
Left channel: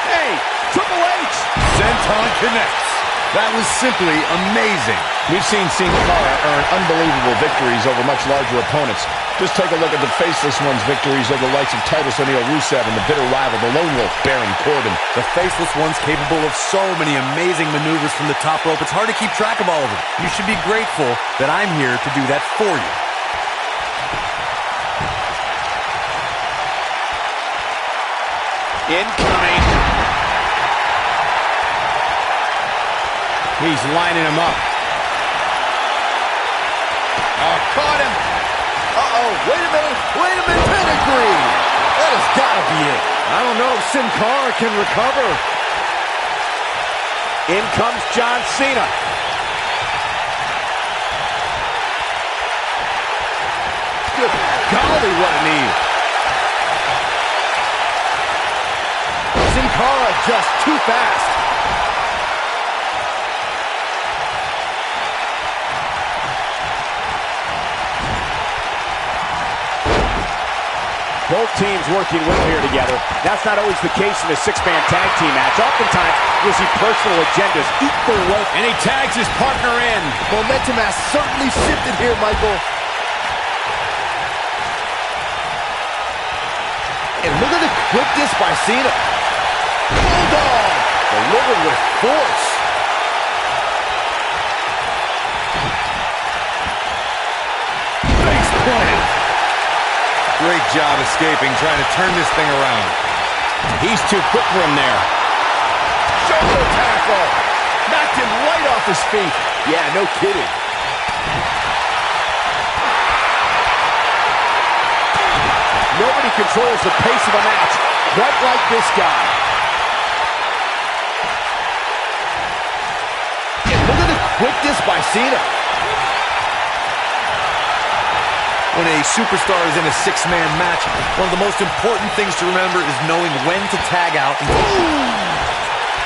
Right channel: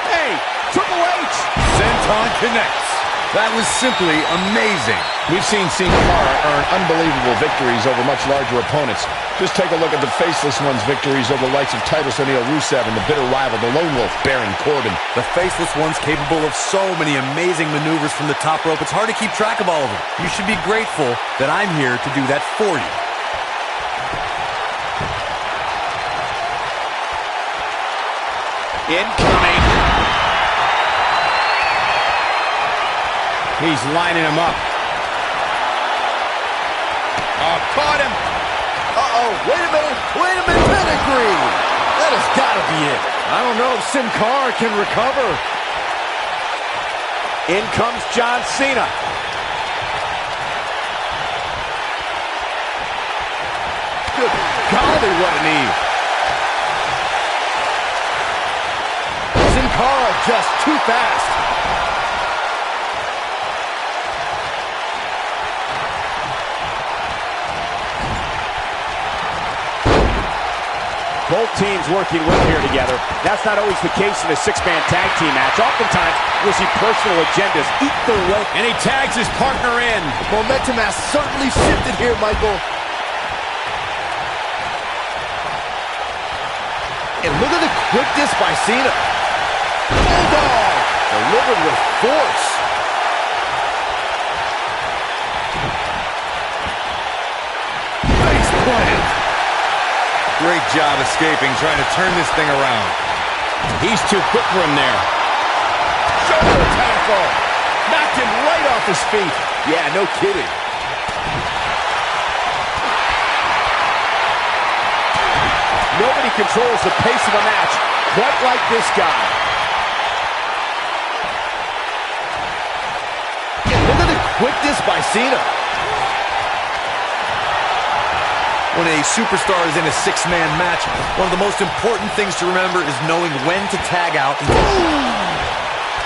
Hey, Triple H. Senton connects. That was simply amazing. We've seen Sin Cara earn unbelievable victories over much larger opponents. Just take a look at the Faceless One's victories over the likes of Titus O'Neil, Rusev, and the bitter rival, the Lone Wolf, Baron Corbin. The Faceless One's capable of so many amazing maneuvers from the top rope. It's hard to keep track of all of them. You should be grateful that I'm here to do that for you. Incoming. He's lining him up. Oh, caught him. Uh-oh, wait a minute, pedigree. That has got to be it. I don't know if Sin Cara can recover. In comes John Cena. Good golly, what a knee. Sin Cara just too fast. Both teams working well here together. That's not always the case in a six-man tag team match. Oftentimes, you'll see personal agendas eat their way. And he tags his partner in. Momentum has certainly shifted here, Michael. And look at the quickness by Cena. Bulldog! Delivered with force. Face plant. Great job escaping, trying to turn this thing around. He's too quick for him there. Shoulder tackle. Knocked him right off his feet. Yeah, no kidding. Nobody controls the pace of a match quite like this guy. And look at the quickness by Cena. When a superstar is in a six-man match, one of the most important things to remember is knowing when to tag out.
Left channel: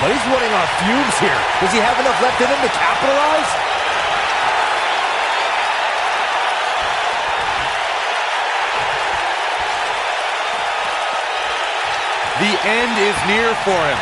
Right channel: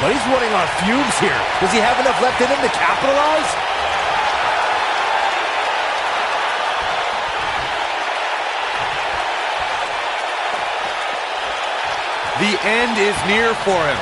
But he's running on fumes here. Does he have enough left in him to capitalize? The end is near for him.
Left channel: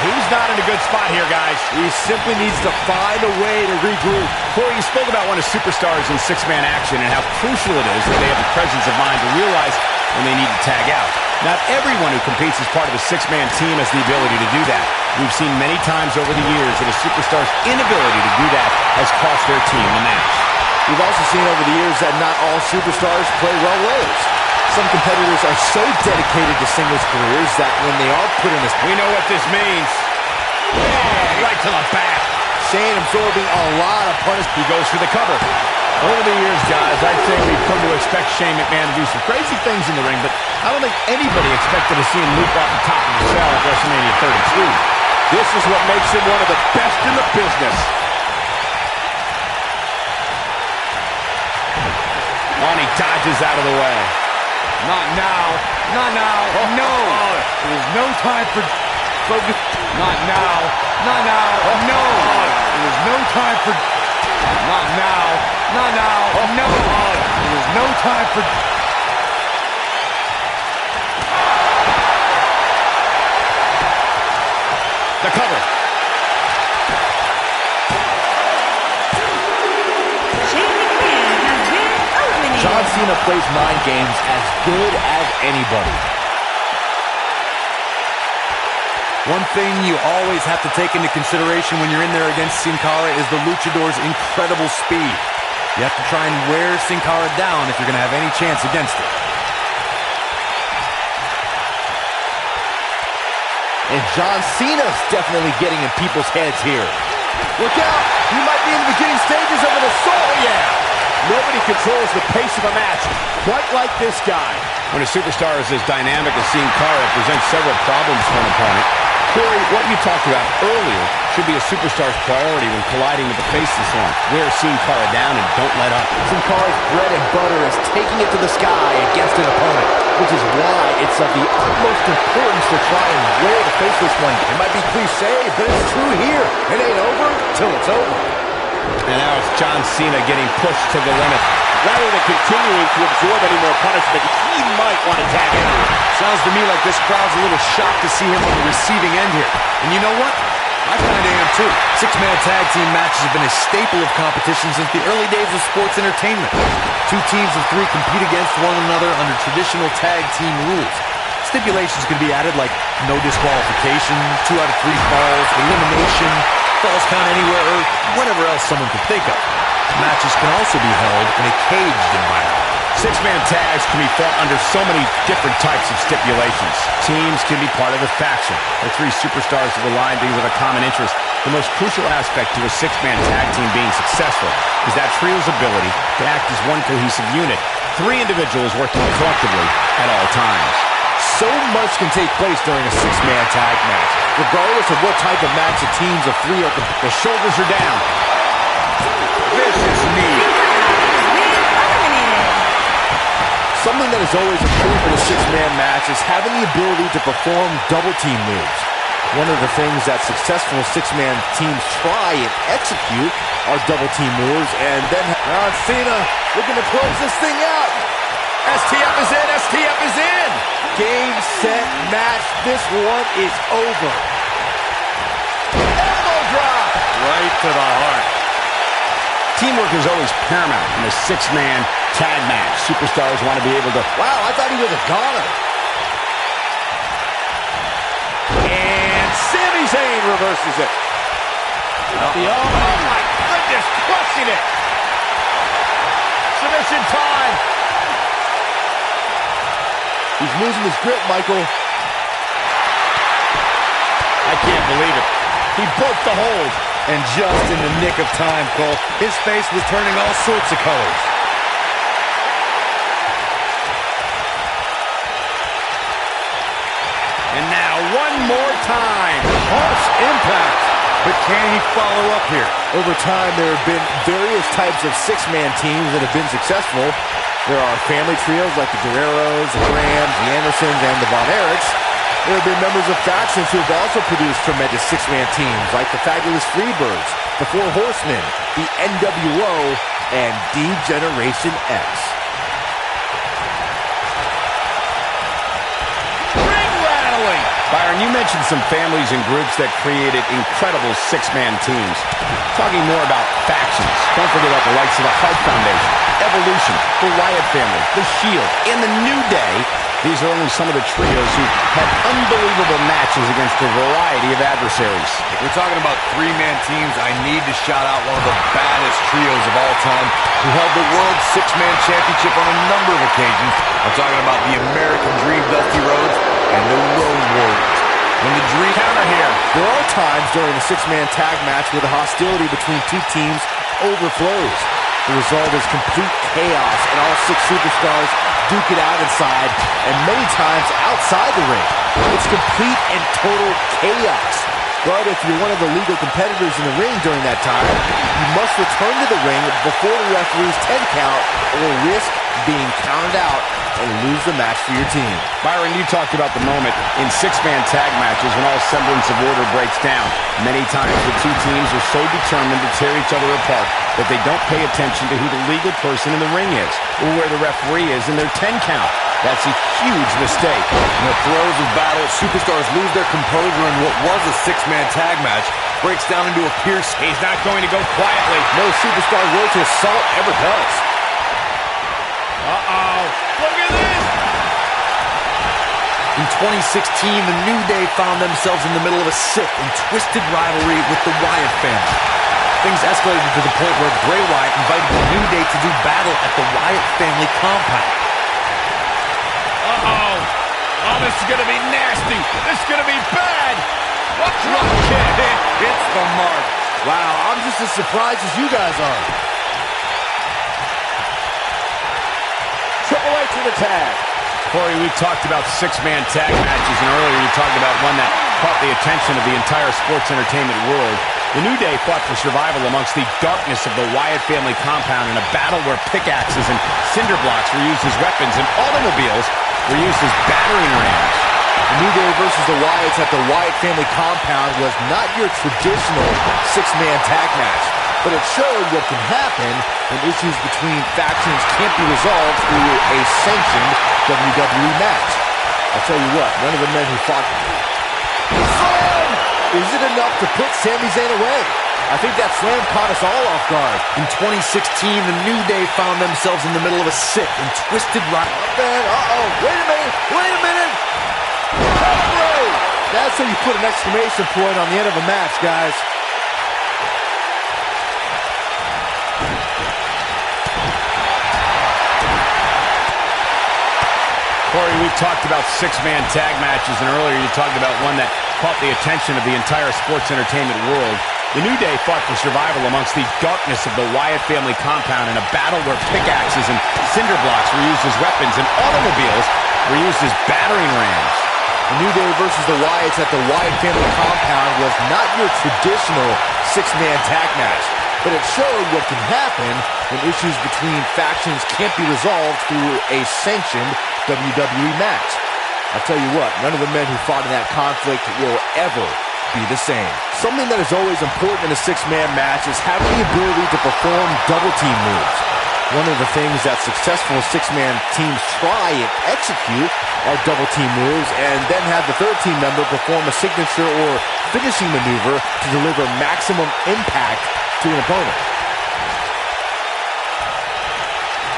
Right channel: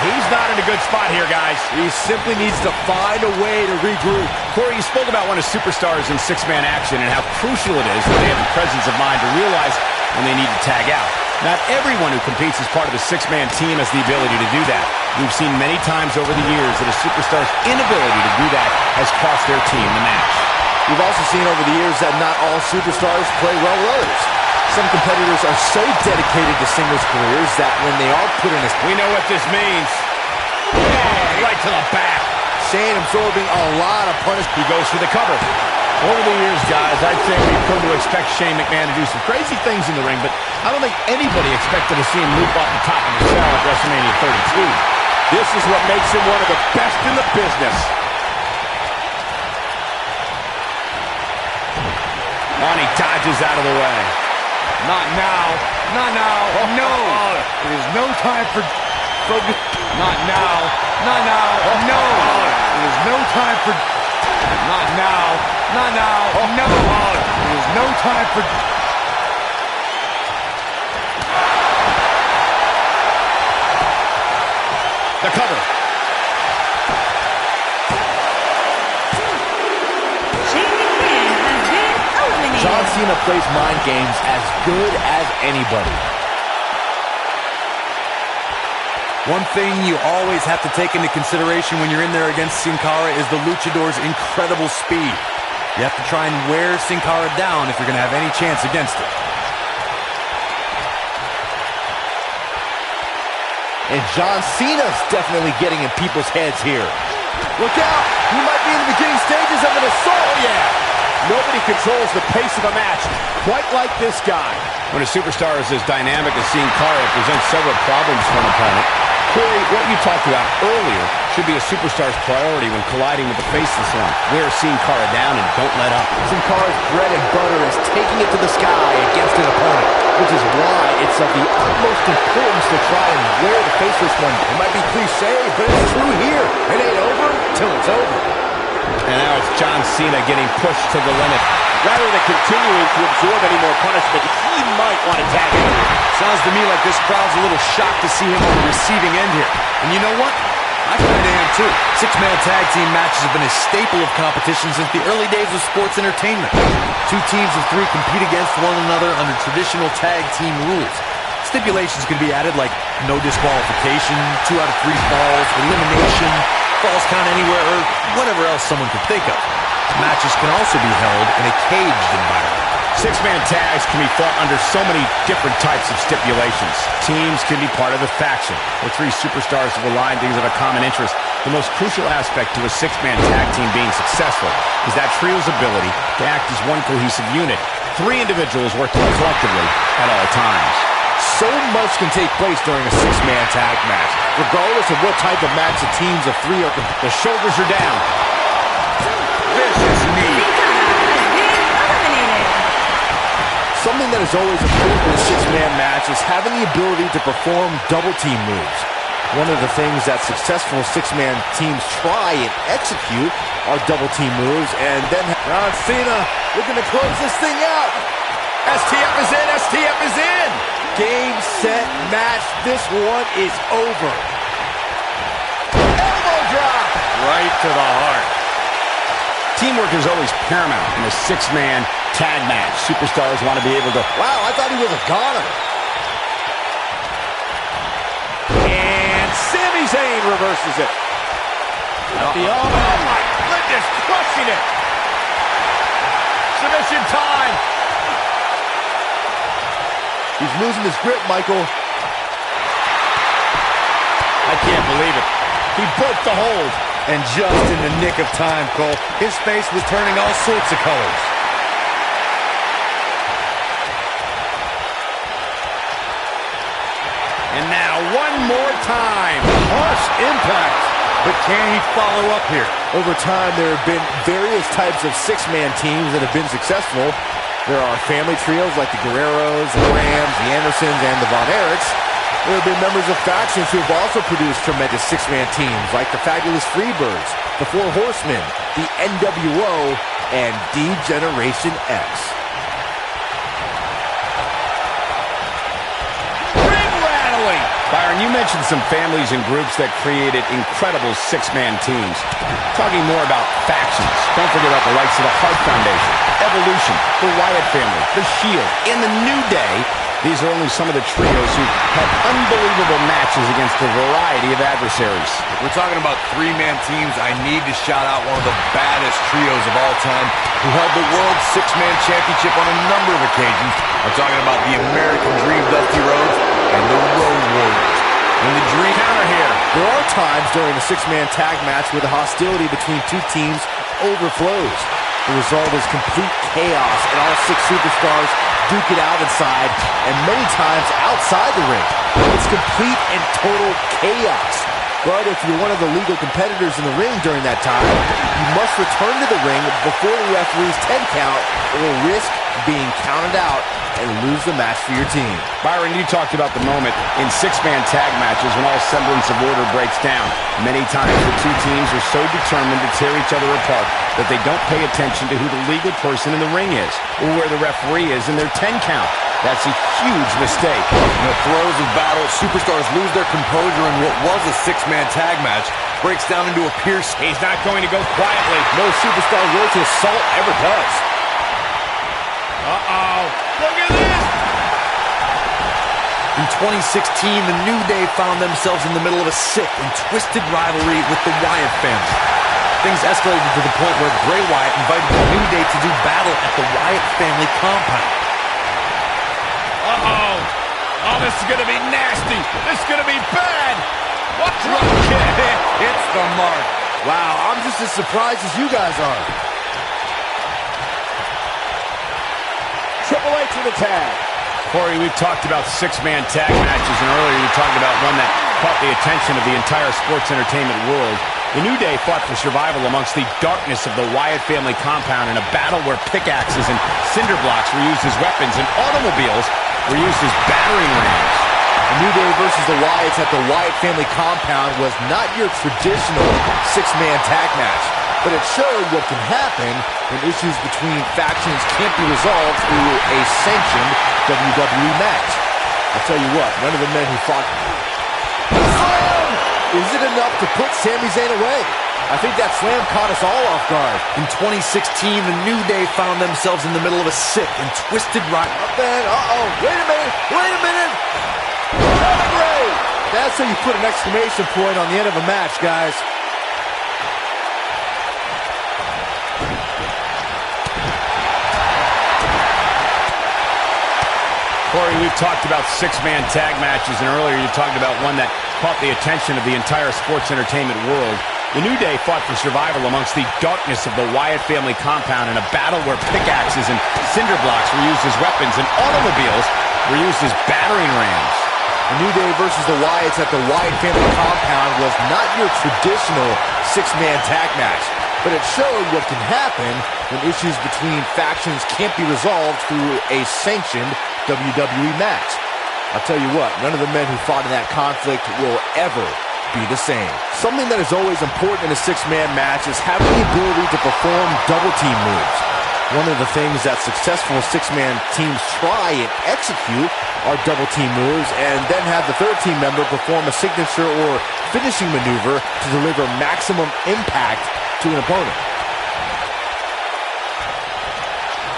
He's not in a good spot here, guys. He simply needs to find a way to regroup. Corey, you spoke about when a superstar is in six-man action and how crucial it is that they have the presence of mind to realize when they need to tag out. Not everyone who competes as part of a six-man team has the ability to do that. We've seen many times over the years that a superstar's inability to do that has cost their team the match. We've also seen over the years that not all superstars play well with others. Some competitors are so dedicated to singles careers that when they are put in a... We know what this means. Oh, right to the back. Shane absorbing a lot of punishment. He goes for the cover. Over the years, guys, I'd say we've come to expect Shane McMahon to do some crazy things in the ring, but I don't think anybody expected to see him leap off the top of the cell at WrestleMania 32. This is what makes him one of the best in the business. Oh, and he dodges out of the way. Not now. Not now. Oh, no. Oh. It is no time for focus. Not now. Not now. Oh, no. oh. It is no time for... Not now. Not now. Oh, no. oh. It is no time for... The cover. Shane McMahon has been eliminated. John Cena plays mind games as good as anybody. One thing you always have to take into consideration when you're in there against Sin Cara is the Luchador's incredible speed. You have to try and wear Sin Cara down if you're going to have any chance against it. And John Cena's definitely getting in people's heads here. Look out! He might be in the beginning stages of an assault. Oh, yeah. Nobody controls the pace of a match quite like this guy. When a superstar is as dynamic as Sin Cara, it presents several problems for an opponent. Corey, what you talked about earlier should be a superstar's priority when colliding with the faceless one. Wear Sin Cara down and don't let up. Sin Cara's bread and butter is taking it to the sky against an opponent, which is why it's of the utmost importance to try and wear the faceless one. It might be cliche, but it's true here. It ain't over till it's over. And now it's John Cena getting pushed to the limit. Rather than continuing to absorb any more punishment, he might want to tag out here. Sounds to me like this crowd's a little shocked to see him on the receiving end here. And you know what? I kind of am too. Six-man tag team matches have been a staple of competition since the early days of sports entertainment. Two teams of three compete against one another under traditional tag team rules. Stipulations could be added like no disqualification, 2 out of 3 falls, elimination, falls count anywhere, or whatever else someone could think of. Matches can also be held in a caged environment. Six-man tags can be fought under so many different types of stipulations. Teams can be part of a faction, where 3 superstars have aligned because of a common interest. The most crucial aspect to a six-man tag team being successful is that trio's ability to act as one cohesive unit. 3 individuals working collectively at all times. So much can take place during a six-man tag match, regardless of what type of match the teams of 3 are. The shoulders are down. Vicious knee. Sin Cara has been eliminated. Something that is always improved in a six-man match is having the ability to perform double-team moves. One of the things that successful six-man teams try and execute are double-team moves, and then John Cena looking to close this thing out. STF is in, STF is in! Game, set, match. This one is over. Elbow drop! Right to the heart. Teamwork is always paramount in a six-man tag match. Superstars want to be able to... Wow, I thought he was a goner. And Sami Zayn reverses it. Oh my goodness, crushing it. Submission time. He's losing his grip, Michael. I can't believe it. He broke the hold. And just in the nick of time, Cole, his face was turning all sorts of colors. And now one more time. Harsh impact. But can he follow up here? Over time, there have been various types of six-man teams that have been successful. There are family trios like the Guerreros, the Grahams, the Andersons, and the Von Erichs. There have been members of factions who have also produced tremendous six-man teams like the Fabulous Freebirds, the Four Horsemen, the NWO, and D-Generation X. Ring rattling! Byron, you mentioned some families and groups that created incredible six-man teams. Talking more about factions, don't forget about the likes of the Hart Foundation, Evolution, the Wyatt family, the Shield, and the New Day. These are only some of the trios who had unbelievable matches against a variety of adversaries. If we're talking about three-man teams, I need to shout out one of the baddest trios of all time who held the World Six-Man Championship on a number of occasions. I'm talking about the American Dream, Dusty Rhodes, and the Road Warriors. When the Dream... Counter here. There are times during a six-man tag match where the hostility between 2 teams overflows. The result is complete chaos, and all 6 superstars duke it out inside, and many times outside the ring. It's complete and total chaos. But if you're one of the legal competitors in the ring during that time, you must return to the ring before the referee's 10 count, or risk being counted out and lose the match for your team. Byron, you talked about the moment in six-man tag matches when all semblance of order breaks down. Many times the 2 teams are so determined to tear each other apart that they don't pay attention to who the legal person in the ring is or where the referee is in their 10 count. That's a huge mistake. In the throes of battle, superstars lose their composure, and what was a six-man tag match breaks down into a pierce. He's not going to go quietly. No superstar worth his salt ever does. Uh-oh. Look at this. In 2016, the New Day found themselves in the middle of a sick and twisted rivalry with the Wyatt family. Things escalated to the point where Bray Wyatt invited the New Day to do battle at the Wyatt family compound. Uh-oh. Oh, this is going to be nasty. This is going to be bad. What drop kick? It's the mark. Wow, I'm just as surprised as you guys are. Triple H with a tag. Corey, we've talked about six-man tag matches, and earlier you talked about one that caught the attention of the entire sports entertainment world. The New Day fought for survival amongst the darkness of the Wyatt family compound in a battle where pickaxes and cinder blocks were used as weapons and automobiles were used as battering rams. The New Day versus the Wyatts at the Wyatt family compound was not your traditional six-man tag match, but it showed what can happen when issues between factions can't be resolved through a sanctioned WWE match. I'll tell you what, none of the men who fought... Is it enough to put Sami Zayn away? I think that slam caught us all off guard. In 2016, the New Day found themselves in the middle of a sick and twisted ride. Uh-oh, wait a minute! Pedigree! That's how you put an exclamation point on the end of a match, guys. Corey, we've talked about six-man tag matches, and earlier you talked about one that caught the attention of the entire sports entertainment world. The New Day fought for survival amongst the darkness of the Wyatt family compound in a battle where pickaxes and cinder blocks were used as weapons and automobiles were used as battering rams. The New Day versus the Wyatts at the Wyatt family compound was not your traditional six-man tag match, but it showed what can happen when issues between factions can't be resolved through a sanctioned WWE match. I'll tell you what, none of the men who fought in that conflict will ever be the same. Something that is always important in a six-man match is having the ability to perform double-team moves. One of the things that successful six-man teams try and execute are double-team moves, and then have the third team member perform a signature or finishing maneuver to deliver maximum impact to an opponent.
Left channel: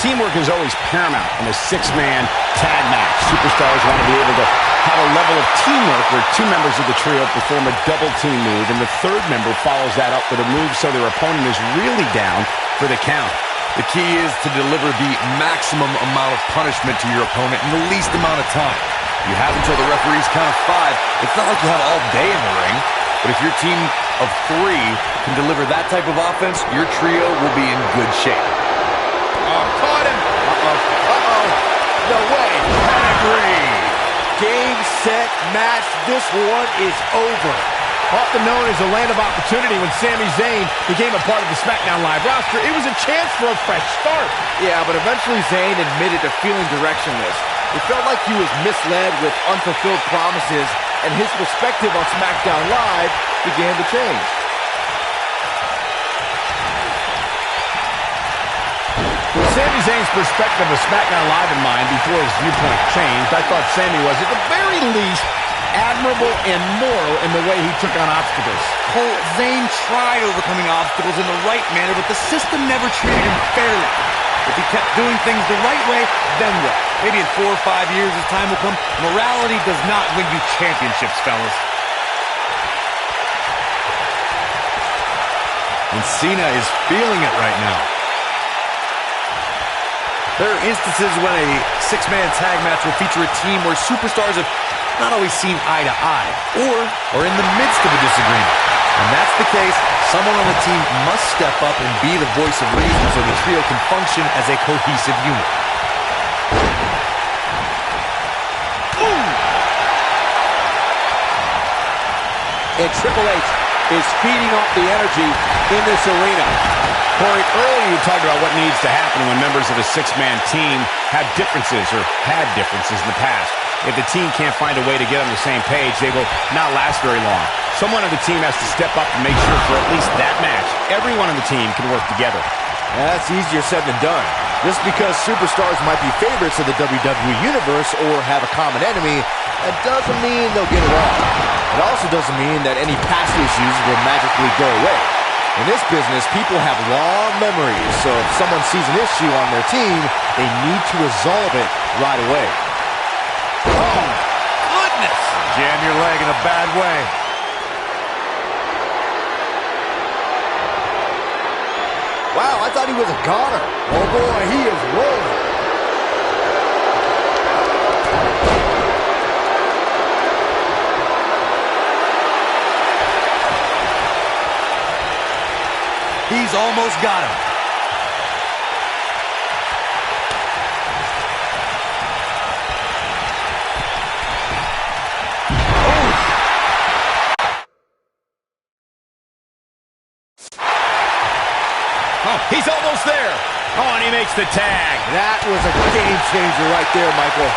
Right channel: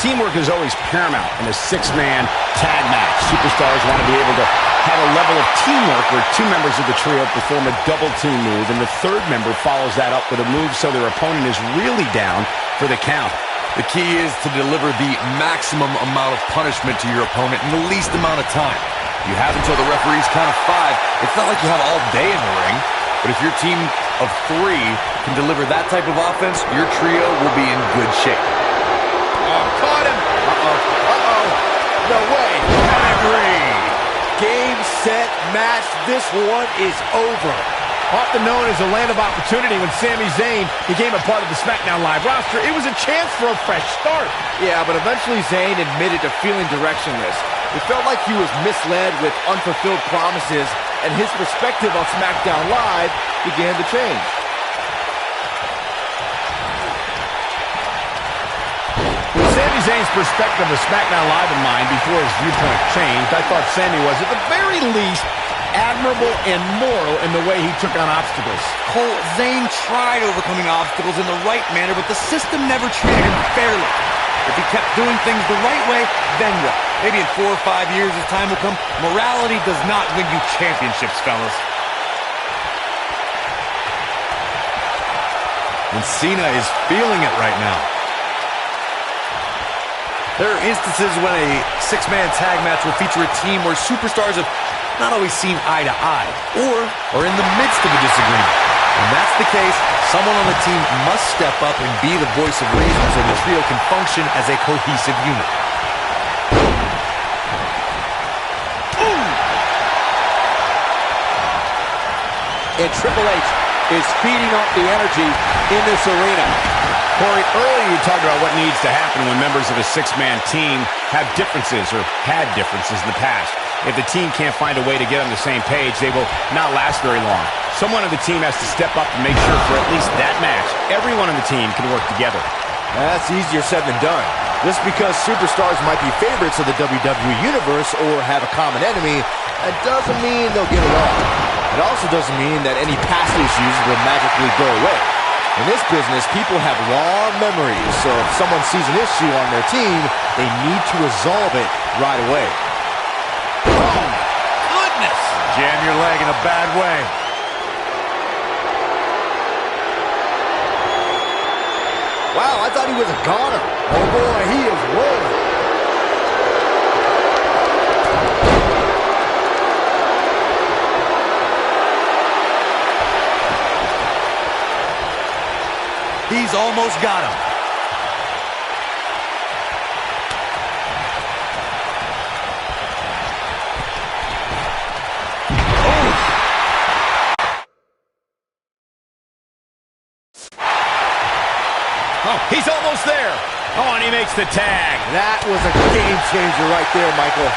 Teamwork is always paramount in a six-man tag match. Superstars want to be able to have a level of teamwork where two members of the trio perform a double-team move, and the third member follows that up with a move so their opponent is really down for the count. The key is to deliver the maximum amount of punishment to your opponent in the least amount of time. You have until the referee's count of 5. It's not like you have all day in the ring, but if your team of 3 can deliver that type of offense, your trio will be in good shape. Oh, caught him! Uh-oh. No way. Pedigree! Game, set, match. This one is over. Often known as a land of opportunity, when Sami Zayn became a part of the SmackDown Live roster, it was a chance for a fresh start. Yeah, but eventually Zayn admitted to feeling directionless. It felt like he was misled with unfulfilled promises, and his perspective on SmackDown Live began to change. With Sami Zayn's perspective of SmackDown Live in mind before his viewpoint changed, I thought Sami was, at the very least, admirable and moral in the way he took on obstacles. Cole, Zayn tried overcoming obstacles in the right manner, but the system never treated him fairly. If he kept doing things the right way, then what? Maybe in 4 or 5 years as time will come, morality does not win you championships, fellas. And Cena is feeling it right now. There are instances when a six-man tag match will feature a team where superstars have not always seen eye to eye, or are in the midst of a disagreement. When that's the case, someone on the team must step up and be the voice of reason so the trio can function as a cohesive unit. And Triple H is feeding off the energy in this arena. Corey, earlier you talked about what needs to happen when members of a six-man team have differences or had differences in the past. If the team can't find a way to get on the same page, they will not last very long. Someone on the team has to step up and make sure for at least that match, everyone on the team can work together. That's easier said than done. Just because superstars might be favorites of the WWE Universe or have a common enemy, that doesn't mean they'll get along. It also doesn't mean that any past issues will magically go away. In this business, people have long memories, so if someone sees an issue on their team, they need to resolve it right away. Oh, goodness! Jam your leg in a bad way. Wow, I thought he was a goner. Oh boy, he is rolling. has almost got him. Oh, he's almost there. Oh, and he makes the tag. That was a game changer right there, Michael.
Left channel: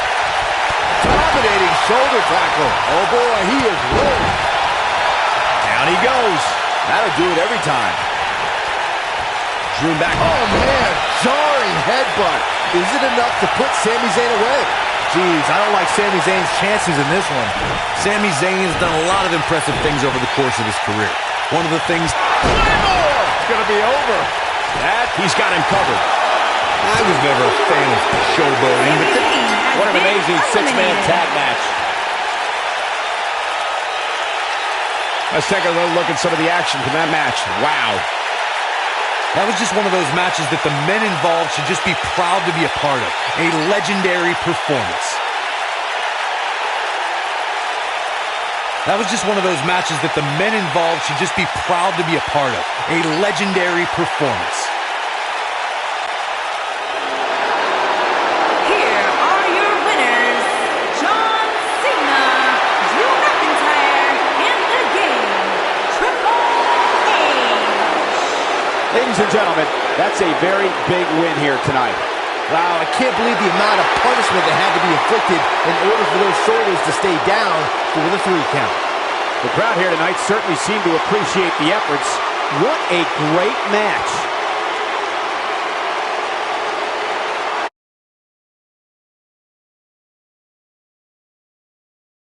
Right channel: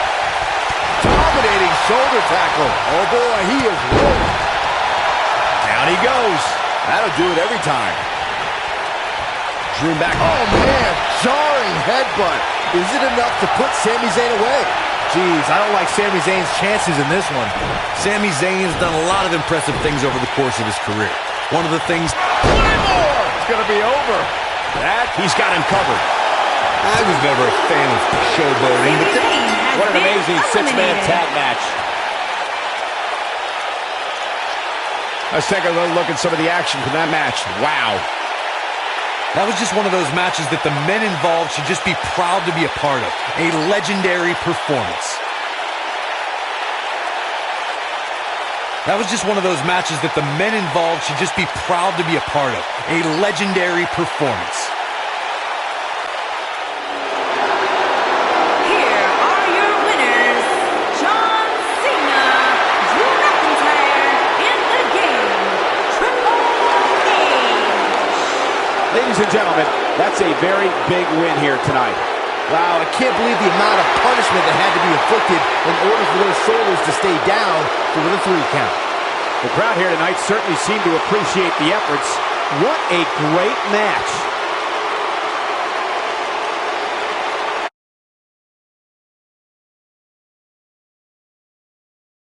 Dominating shoulder tackle. Oh boy, he is rolling. Down he goes. That'll do it every time. Drew back. Oh man, jarring headbutt. Is it enough to put Sami Zayn away? Jeez, I don't like Sami Zayn's chances in this one. Sami Zayn has done a lot of impressive things over the course of his career. One of the things... One more! It's gonna be over. That, he's got him covered. I was never a fan of showboating, but what an amazing six-man tag match. Let's take a little look at some of the action from that match. Wow. That was just one of those matches that the men involved should just be proud to be a part of. A legendary performance. That was just one of those matches that the men involved should just be proud to be a part of. A legendary performance. Here are your winners, John Cena, Drew McIntyre, and the game, Triple H. Ladies and gentlemen, that's a very big win here tonight. Wow, I can't believe the amount of punishment that had to be inflicted in order for those shoulders to stay down for the 3 count. The crowd here tonight certainly seemed to appreciate the efforts. What a great match.